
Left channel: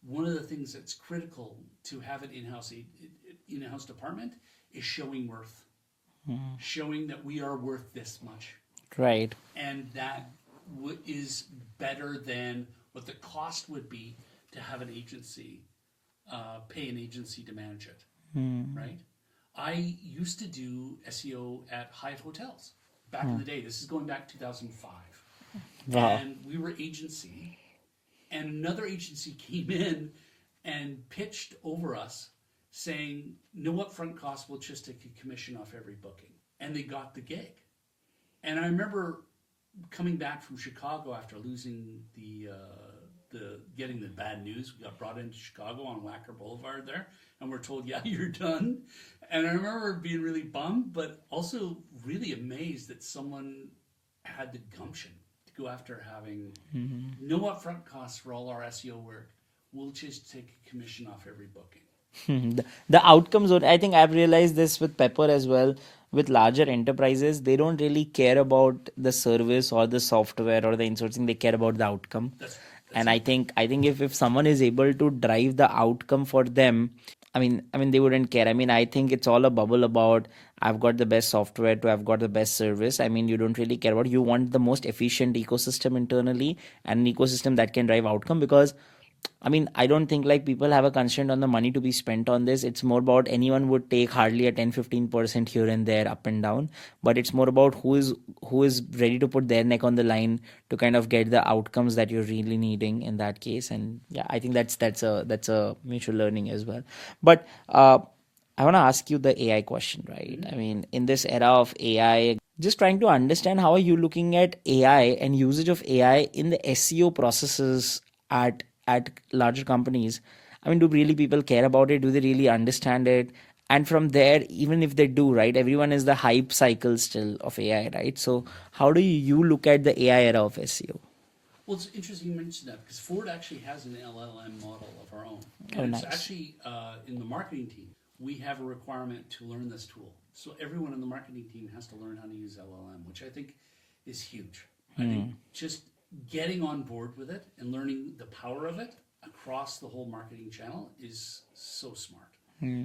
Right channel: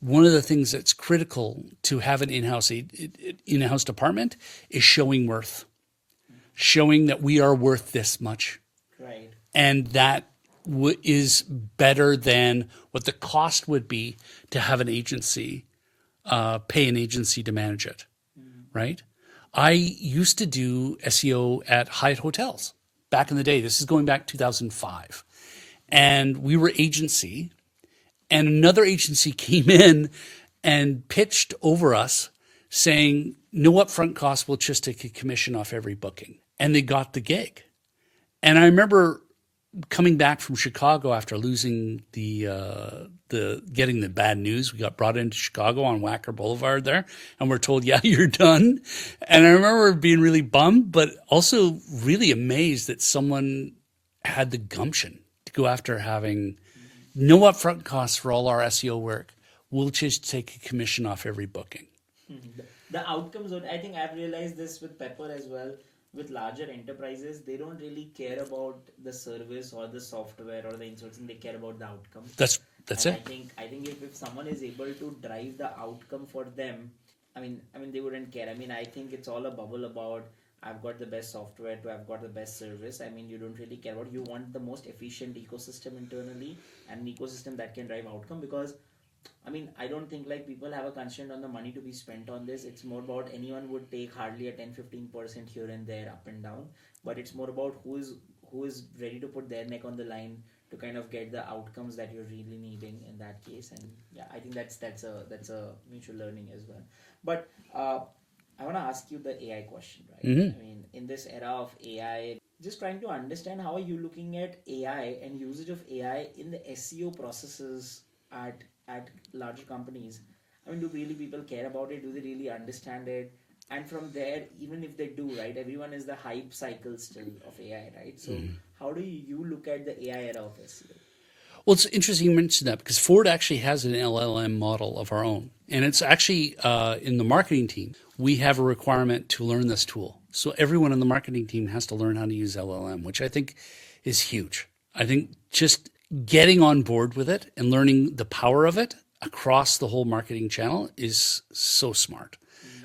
One of the things that's critical to have an in-house department is showing worth, showing that we are worth this much. Right. And that is better than what the cost would be to have an agency, pay an agency to manage it, right? I used to do SEO at Hyatt hotels back in the day. This is going back 2005. And we were agency, and another agency came in and pitched over us saying, no upfront cost, we'll just take a commission off every booking. And they got the gig. And I remember coming back from Chicago after losing getting the bad news. We got brought into Chicago on Wacker Boulevard there, and we're told, yeah, you're done. And I remember being really bummed, but also really amazed that someone had the gumption to go after having no upfront costs for all our SEO work. We'll just take a commission off every booking. The outcomes, I think I've realized this with Pepper as well. With larger enterprises, they don't really care about the service or the software or the insourcing. They care about the outcome. That's And it. I think if someone is able to drive the outcome for them, I mean they wouldn't care. I mean, I think it's all a bubble about, I've got the best software to I've got the best service. I mean, you don't really care about, you want the most efficient ecosystem internally and an ecosystem that can drive outcome. Because I mean, I don't think like people have a constraint on the money to be spent on this. It's more about, anyone would take hardly a 10-15% here and there, up and down. But it's more about who is ready to put their neck on the line to kind of get the outcomes that you're really needing in that case. And yeah, I think that's a mutual learning as well. But I want to ask you the AI question, right? I mean, in this era of AI, just trying to understand, how are you looking at AI and usage of AI in the SEO processes at larger companies? I mean, do really people care about it? Do they really understand it? And from there, even if they do, right, everyone is the hype cycle still of AI, right? So how do you look at the AI era of SEO? Well, it's interesting you mentioned that, because Ford actually has an LLM model of our own. And Oh, it's nice. actually in the marketing team, we have a requirement to learn this tool. So everyone in the marketing team has to learn how to use LLM, which I think is huge. I think just getting on board with it and learning the power of it across the whole marketing channel is so smart,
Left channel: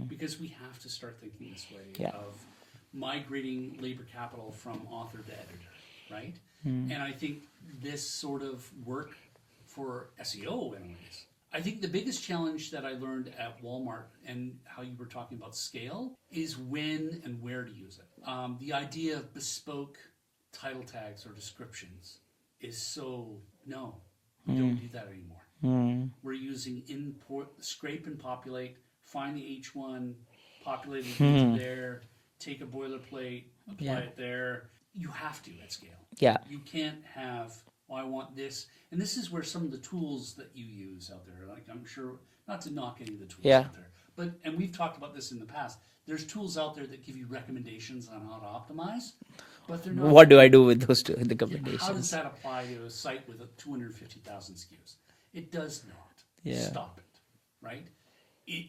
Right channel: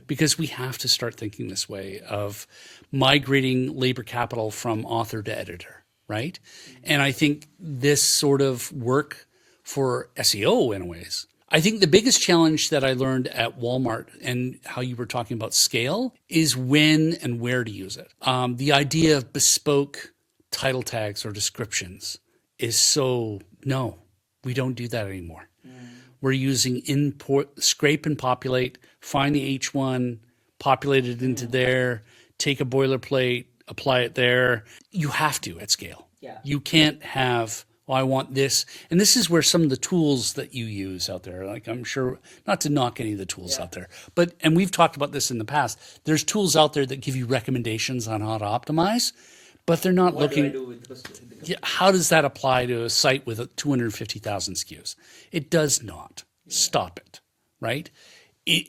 because we have to start thinking this way of migrating labor capital from author to editor, right? And I think this sort of work for SEO in ways. I think the biggest challenge that I learned at Walmart, and how you were talking about scale, is when and where to use it. The idea of bespoke title tags or descriptions is so, no, we don't do that anymore. We're using import, scrape and populate, find the H1, populate it into there, take a boilerplate, apply it there. You have to at scale. Yeah. You can't have, well, I want this. And this is where some of the tools that you use out there, like I'm sure, not to knock any of the tools out there, but, and we've talked about this in the past, there's tools out there that give you recommendations on how to optimize, but they're not. What do I do with those two? How does that apply to a site with 250,000 SKUs? It does not. Stop it, right?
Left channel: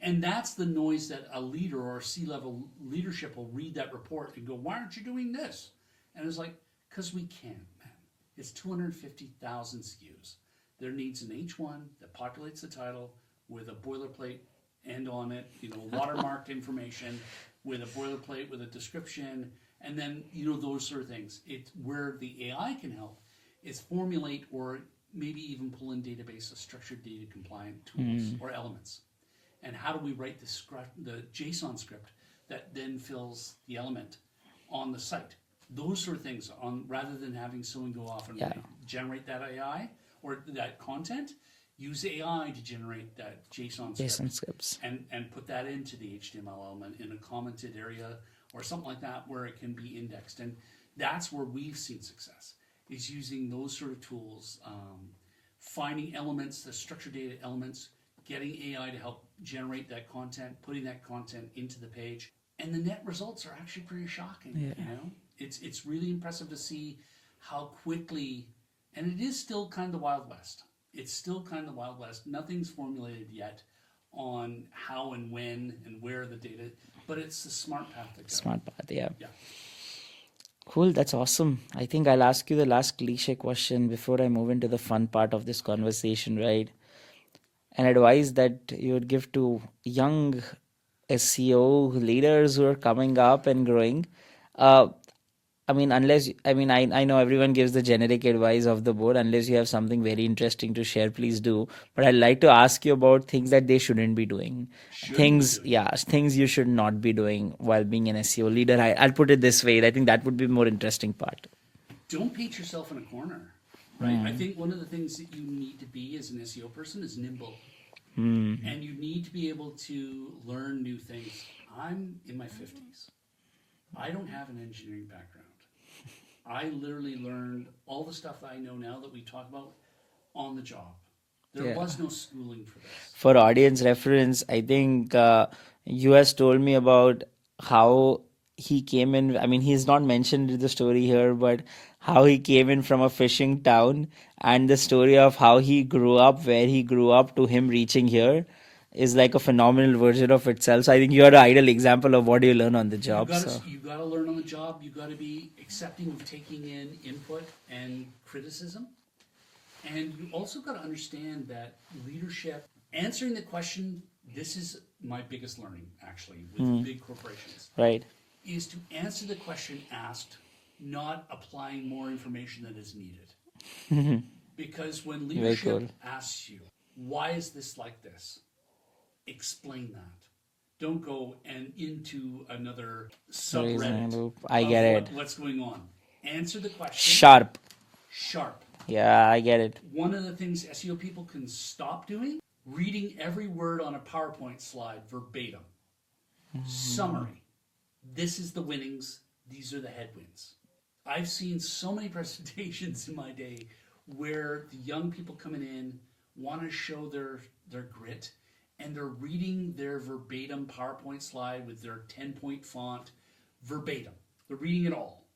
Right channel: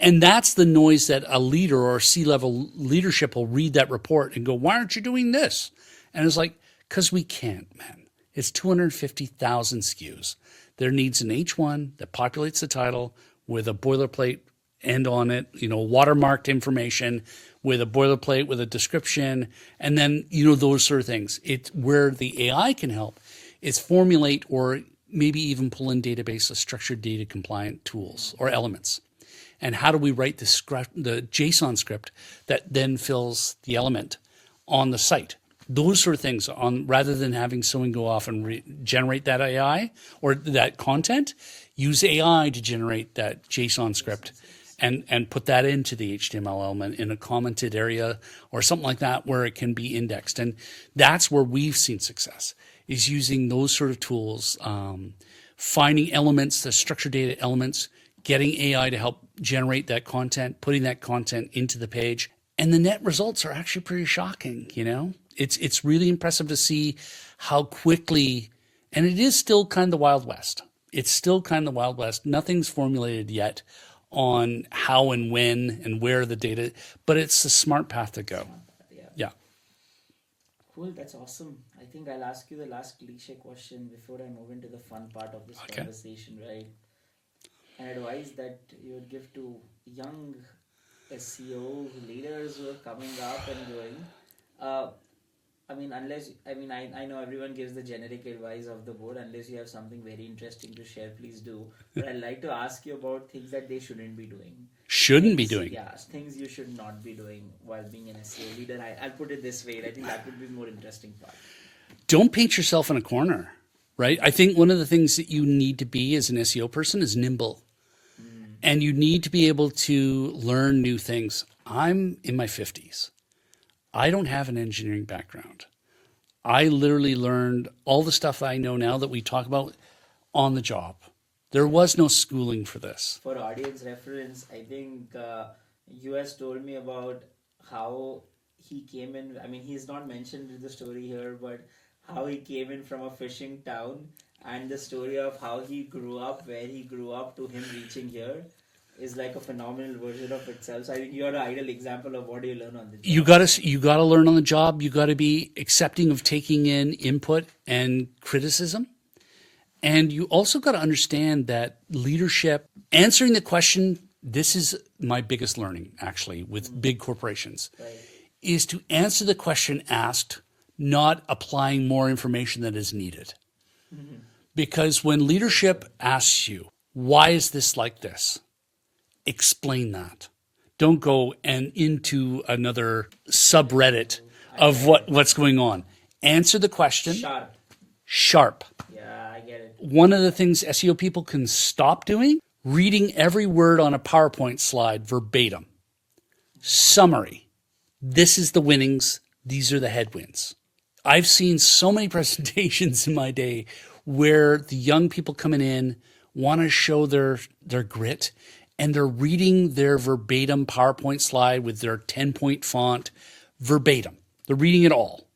And that's the noise that a leader or C-level leadership will read that report and go, why aren't you doing this? And it's like, because we can't, man. It's 250,000 SKUs. There needs an H1 that populates the title with a boilerplate end on it, watermarked information with a boilerplate with a description, and then, those sort of things. It's where the AI can help is formulate or maybe even pull in databases, structured data compliant tools or elements. And how do we write the JSON script that then fills the element on the site? Those sort of things rather than having someone go off and generate that AI or that content, use AI to generate that JSON script and put that into the HTML element in a commented area or something like that where it can be indexed. And that's where we've seen success, is using those sort of tools, finding elements, the structured data elements, getting AI to help generate that content, putting that content into the page. And the net results are actually pretty shocking, It's really impressive to see how quickly, and it is still kind of the Wild West. It's still kind of the Wild West. Nothing's formulated yet on how and when and where the data, but it's the smart path to go. Smart path, yeah. Yeah. Cool, that's awesome. I think I'll ask you the last cliche question before I move into the fun part of this conversation, right? An advice that you would give to young SEO leaders who are coming up and growing. I know everyone gives the generic advice of the board. Unless you have something very interesting to share, please do. But I'd like to ask you about things that they shouldn't be doing. Yeah, things you should not be doing while being an SEO leader. I'll put it this way. I think that would be more interesting part. Don't paint yourself in a corner, right? I think one of the things that you need to be as an SEO person is nimble. And you need to be able to learn new things. I'm in my 50s. I don't have an engineering background. I literally learned all the stuff that I know now that we talk about on the job. There was no schooling for this. For audience reference, I think US told me about how he came in. I mean, he's not mentioned in the story here, but how he came in from a fishing town and the story of how he grew up, where he grew up to him reaching here is like a phenomenal version of itself. So I think you're an ideal example of what you learn on the job. You gotta learn on the job. You gotta be accepting of taking in input and criticism. And you also gotta understand that leadership, answering the question, this is my biggest learning actually with big corporations, right, is to answer the question asked, not applying more information that is needed. Because when leadership asks you, why is this like this? Explain that. Don't go and into another subreddit of what's going on. Answer the question. Sharp. Yeah, I get it. One of the things SEO people can stop doing, reading every word on a PowerPoint slide verbatim. Summary. This is the winnings. These are the headwinds. I've seen so many presentations in my day where the young people coming in want to show their grit, and they're reading their verbatim PowerPoint slide with their 10-point font verbatim. They're reading it all.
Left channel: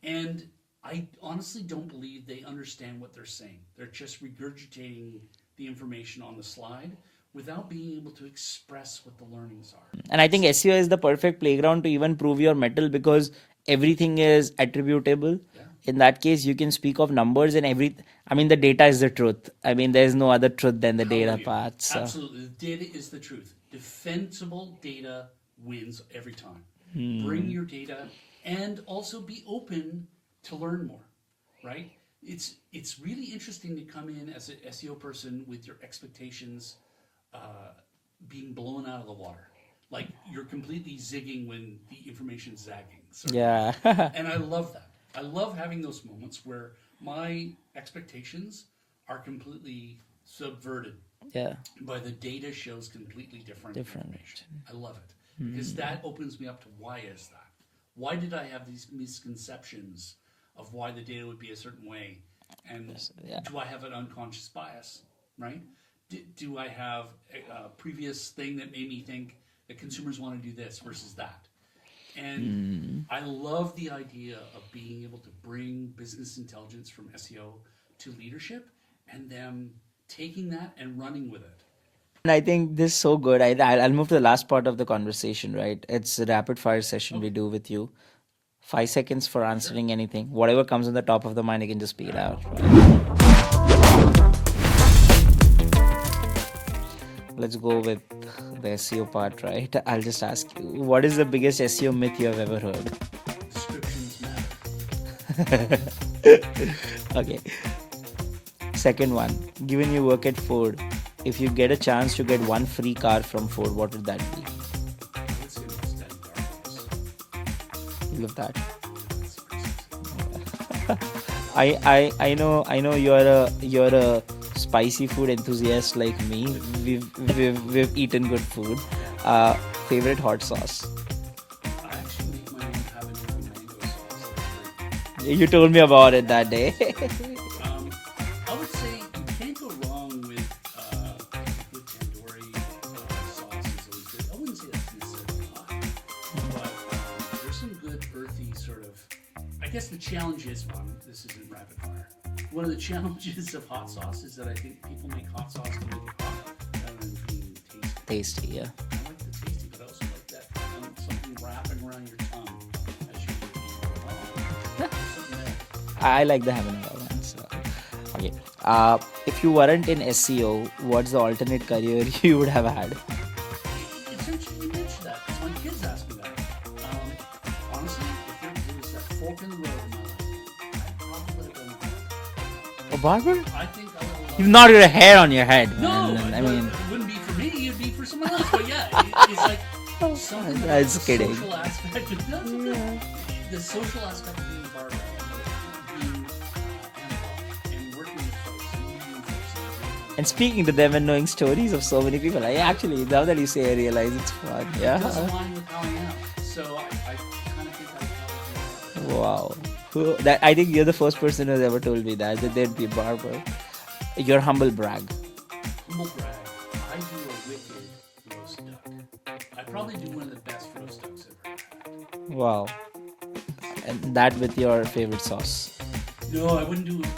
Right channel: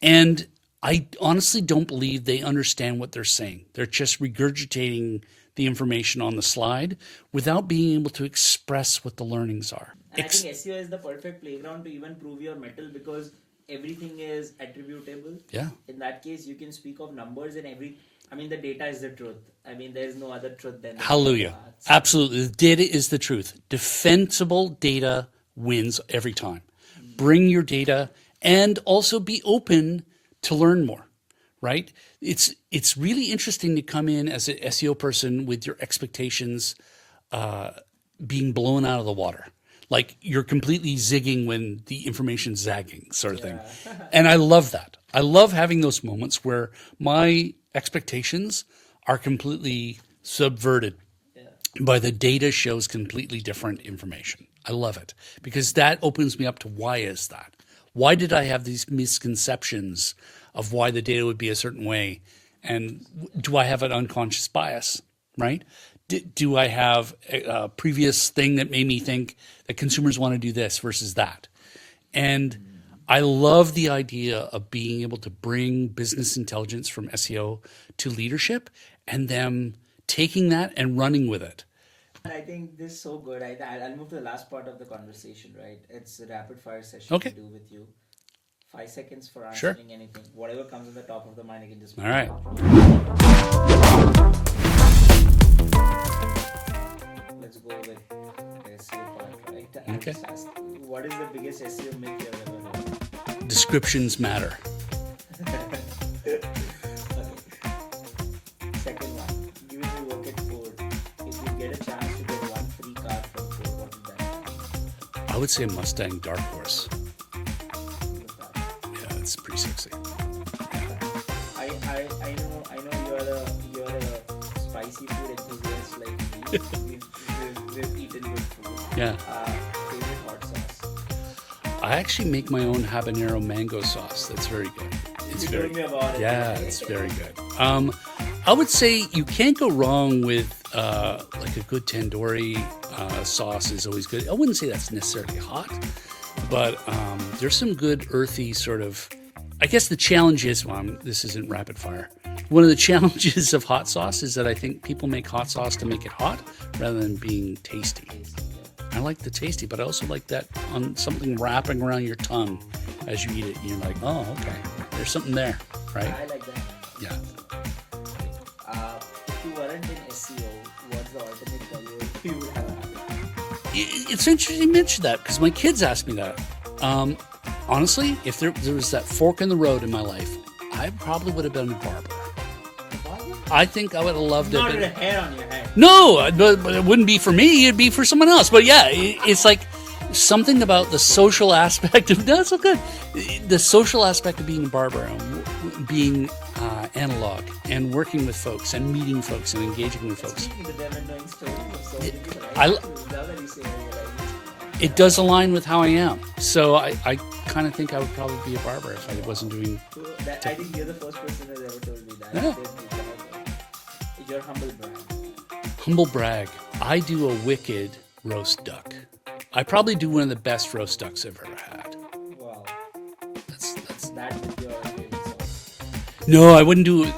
And I honestly don't believe they understand what they're saying. They're just regurgitating the information on the slide without being able to express what the learnings are. And I think SEO is the perfect playground to even prove your mettle because everything is attributable. Yeah. In that case, you can speak of numbers and the data is the truth. I mean, there's no other truth than the data part. So. Absolutely. The data is the truth. Defensible data wins every time. Bring your data and also be open to learn more, right? It's really interesting to come in as an SEO person with your expectations being blown out of the water. Like you're completely zigging when the information's zagging, sort of thing. And I love that. I love having those moments where my expectations are completely subverted Yeah. by the data shows completely different information. I love it because that opens me up to why is that? Why did I have these misconceptions of why the data would be a certain way? And do I have an unconscious bias, right? Do I have a previous thing that made me think that consumers want to do this versus that? And I love the idea of being able to bring business intelligence from SEO to leadership and them taking that and running with it. And I think this is so good. I'll move to the last part of the conversation, right? It's a rapid fire session we Okay. do with you. 5 seconds for Sure. answering anything. Whatever comes on the top of the mind, you can just speak All it right. out. Let's go with the SEO part, right? I'll just ask you, what is the biggest SEO myth you have ever heard? Descriptions matter. Okay. Second one, given you work at Ford, if you get a chance to get one free car from Ford, what would that be? I would say Mustang Dark Horse. Love that. Yeah, that's pretty sexy. I know you're a spicy food enthusiast like me. We've eaten good food. Yeah. Favorite hot sauce? I actually make my own habanero mango sauce. That's very good. You told me about it Yeah, that day. it's very good. I would say you can't go wrong with like a good tandoori sauce is always good. I wouldn't say that's necessarily hot, but there's some good earthy sort of. I guess the challenge is, this isn't rapid fire. One of the challenges of hot sauce is that I think people make hot sauce to make it hot rather than being tasty. Tasty, yeah. I like the tasty, but I also like that something wrapping around your tongue as you eat it. And you're like, oh, okay, there's something there. Right? I like the habanero. Yeah. So, okay. If you weren't in SEO, what's the alternate career you would have had? It's interesting you mentioned that because my kids ask me that. Honestly, if there was that fork in the road in my life, I probably would have been a barber. A barber? I think I would have loved. You've not got a hair on your head. No, but it wouldn't be for me. It'd be for someone else. But yeah, it's like something about the That's kidding. social aspect of. No, it's so good. The social aspect of being a barber, being analog, and working with folks, and meeting folks, and engaging with And folks. speaking to them and knowing stories of so many people. Actually, now that you say, I realize it's fun. It does align with how I am. So I kind of think I would probably be a barber. If I Wow. wasn't doing I think you're the first person who's ever told me that they'd be a barber. Your humble brag. humble brag. I do a wicked roast duck. I probably do one of the best roast ducks I've ever had. Wow. That's that with your favorite sauce. No, I wouldn't do it.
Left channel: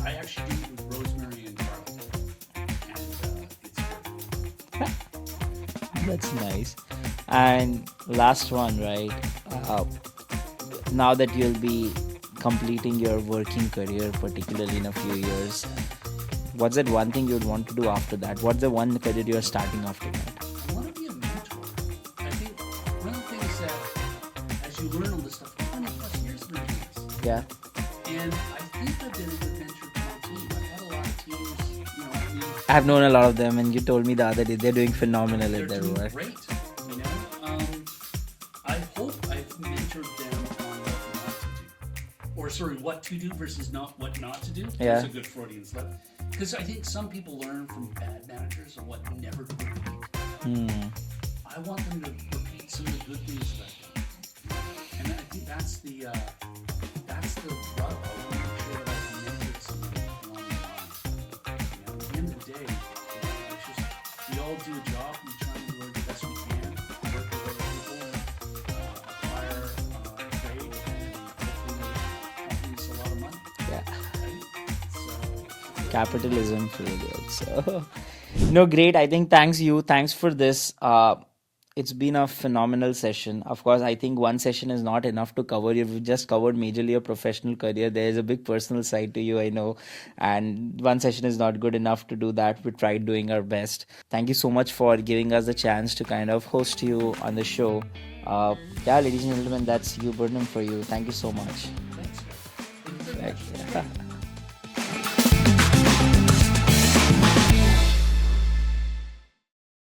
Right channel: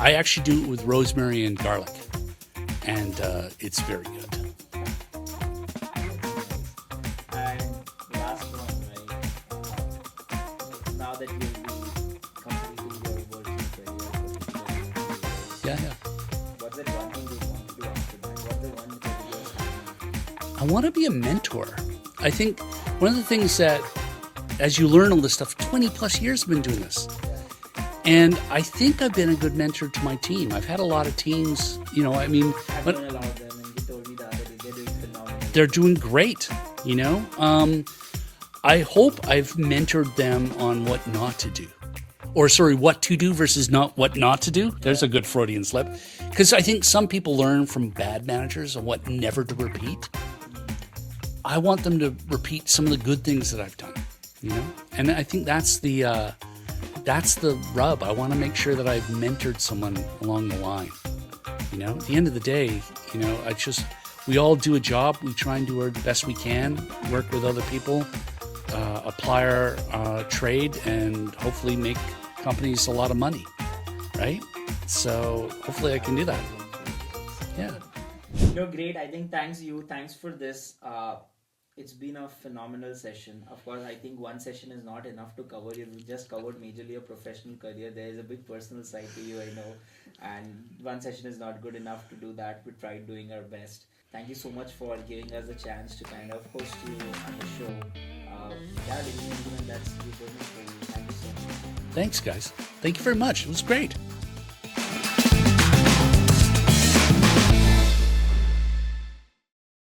I actually do it with rosemary and garlic. And it's very good. That's nice. And last one, right? Now that you'll be completing your working career, particularly in a few years, Yeah. what's that one thing you'd want to do after that? What's the one career you're starting after that? I want to be a mentor. I think one of the things that, as you learn all this stuff, 20 plus years I've been doing this. Yeah. And I think I've been a good mentor to my team. I've had a lot of teams, I mean. I've known a lot of them, and you told me the other day they're doing phenomenal. They're doing great, I hope I've mentored them on what not to do. Or sorry, what to do versus what not to do. There's Yeah. a good Freudian slip. Because I think some people learn from bad managers on what never to repeat. I want them to repeat some of the good things that I've done. And I think that's the rub. I want to make sure that I've mentored someone along the line. At the end of the day, we all do a job. We try and do the best we can, work with other people, apply our trade, and hopefully make companies a lot of money, right? So hopefully I can do that. Capitalism for good. So. No, great. I think thanks for this. It's been a phenomenal session. Of course, I think one session is not enough to cover. You've just covered majorly your professional career. There is a big personal side to you, I know. And one session is not good enough to do that. We tried doing our best. Thank you so much for giving us the chance to kind of host you on the show. Ladies and gentlemen, that's Hugh Burnham for you. Thank you so much. Thanks, guys. Thank you very much. It was great.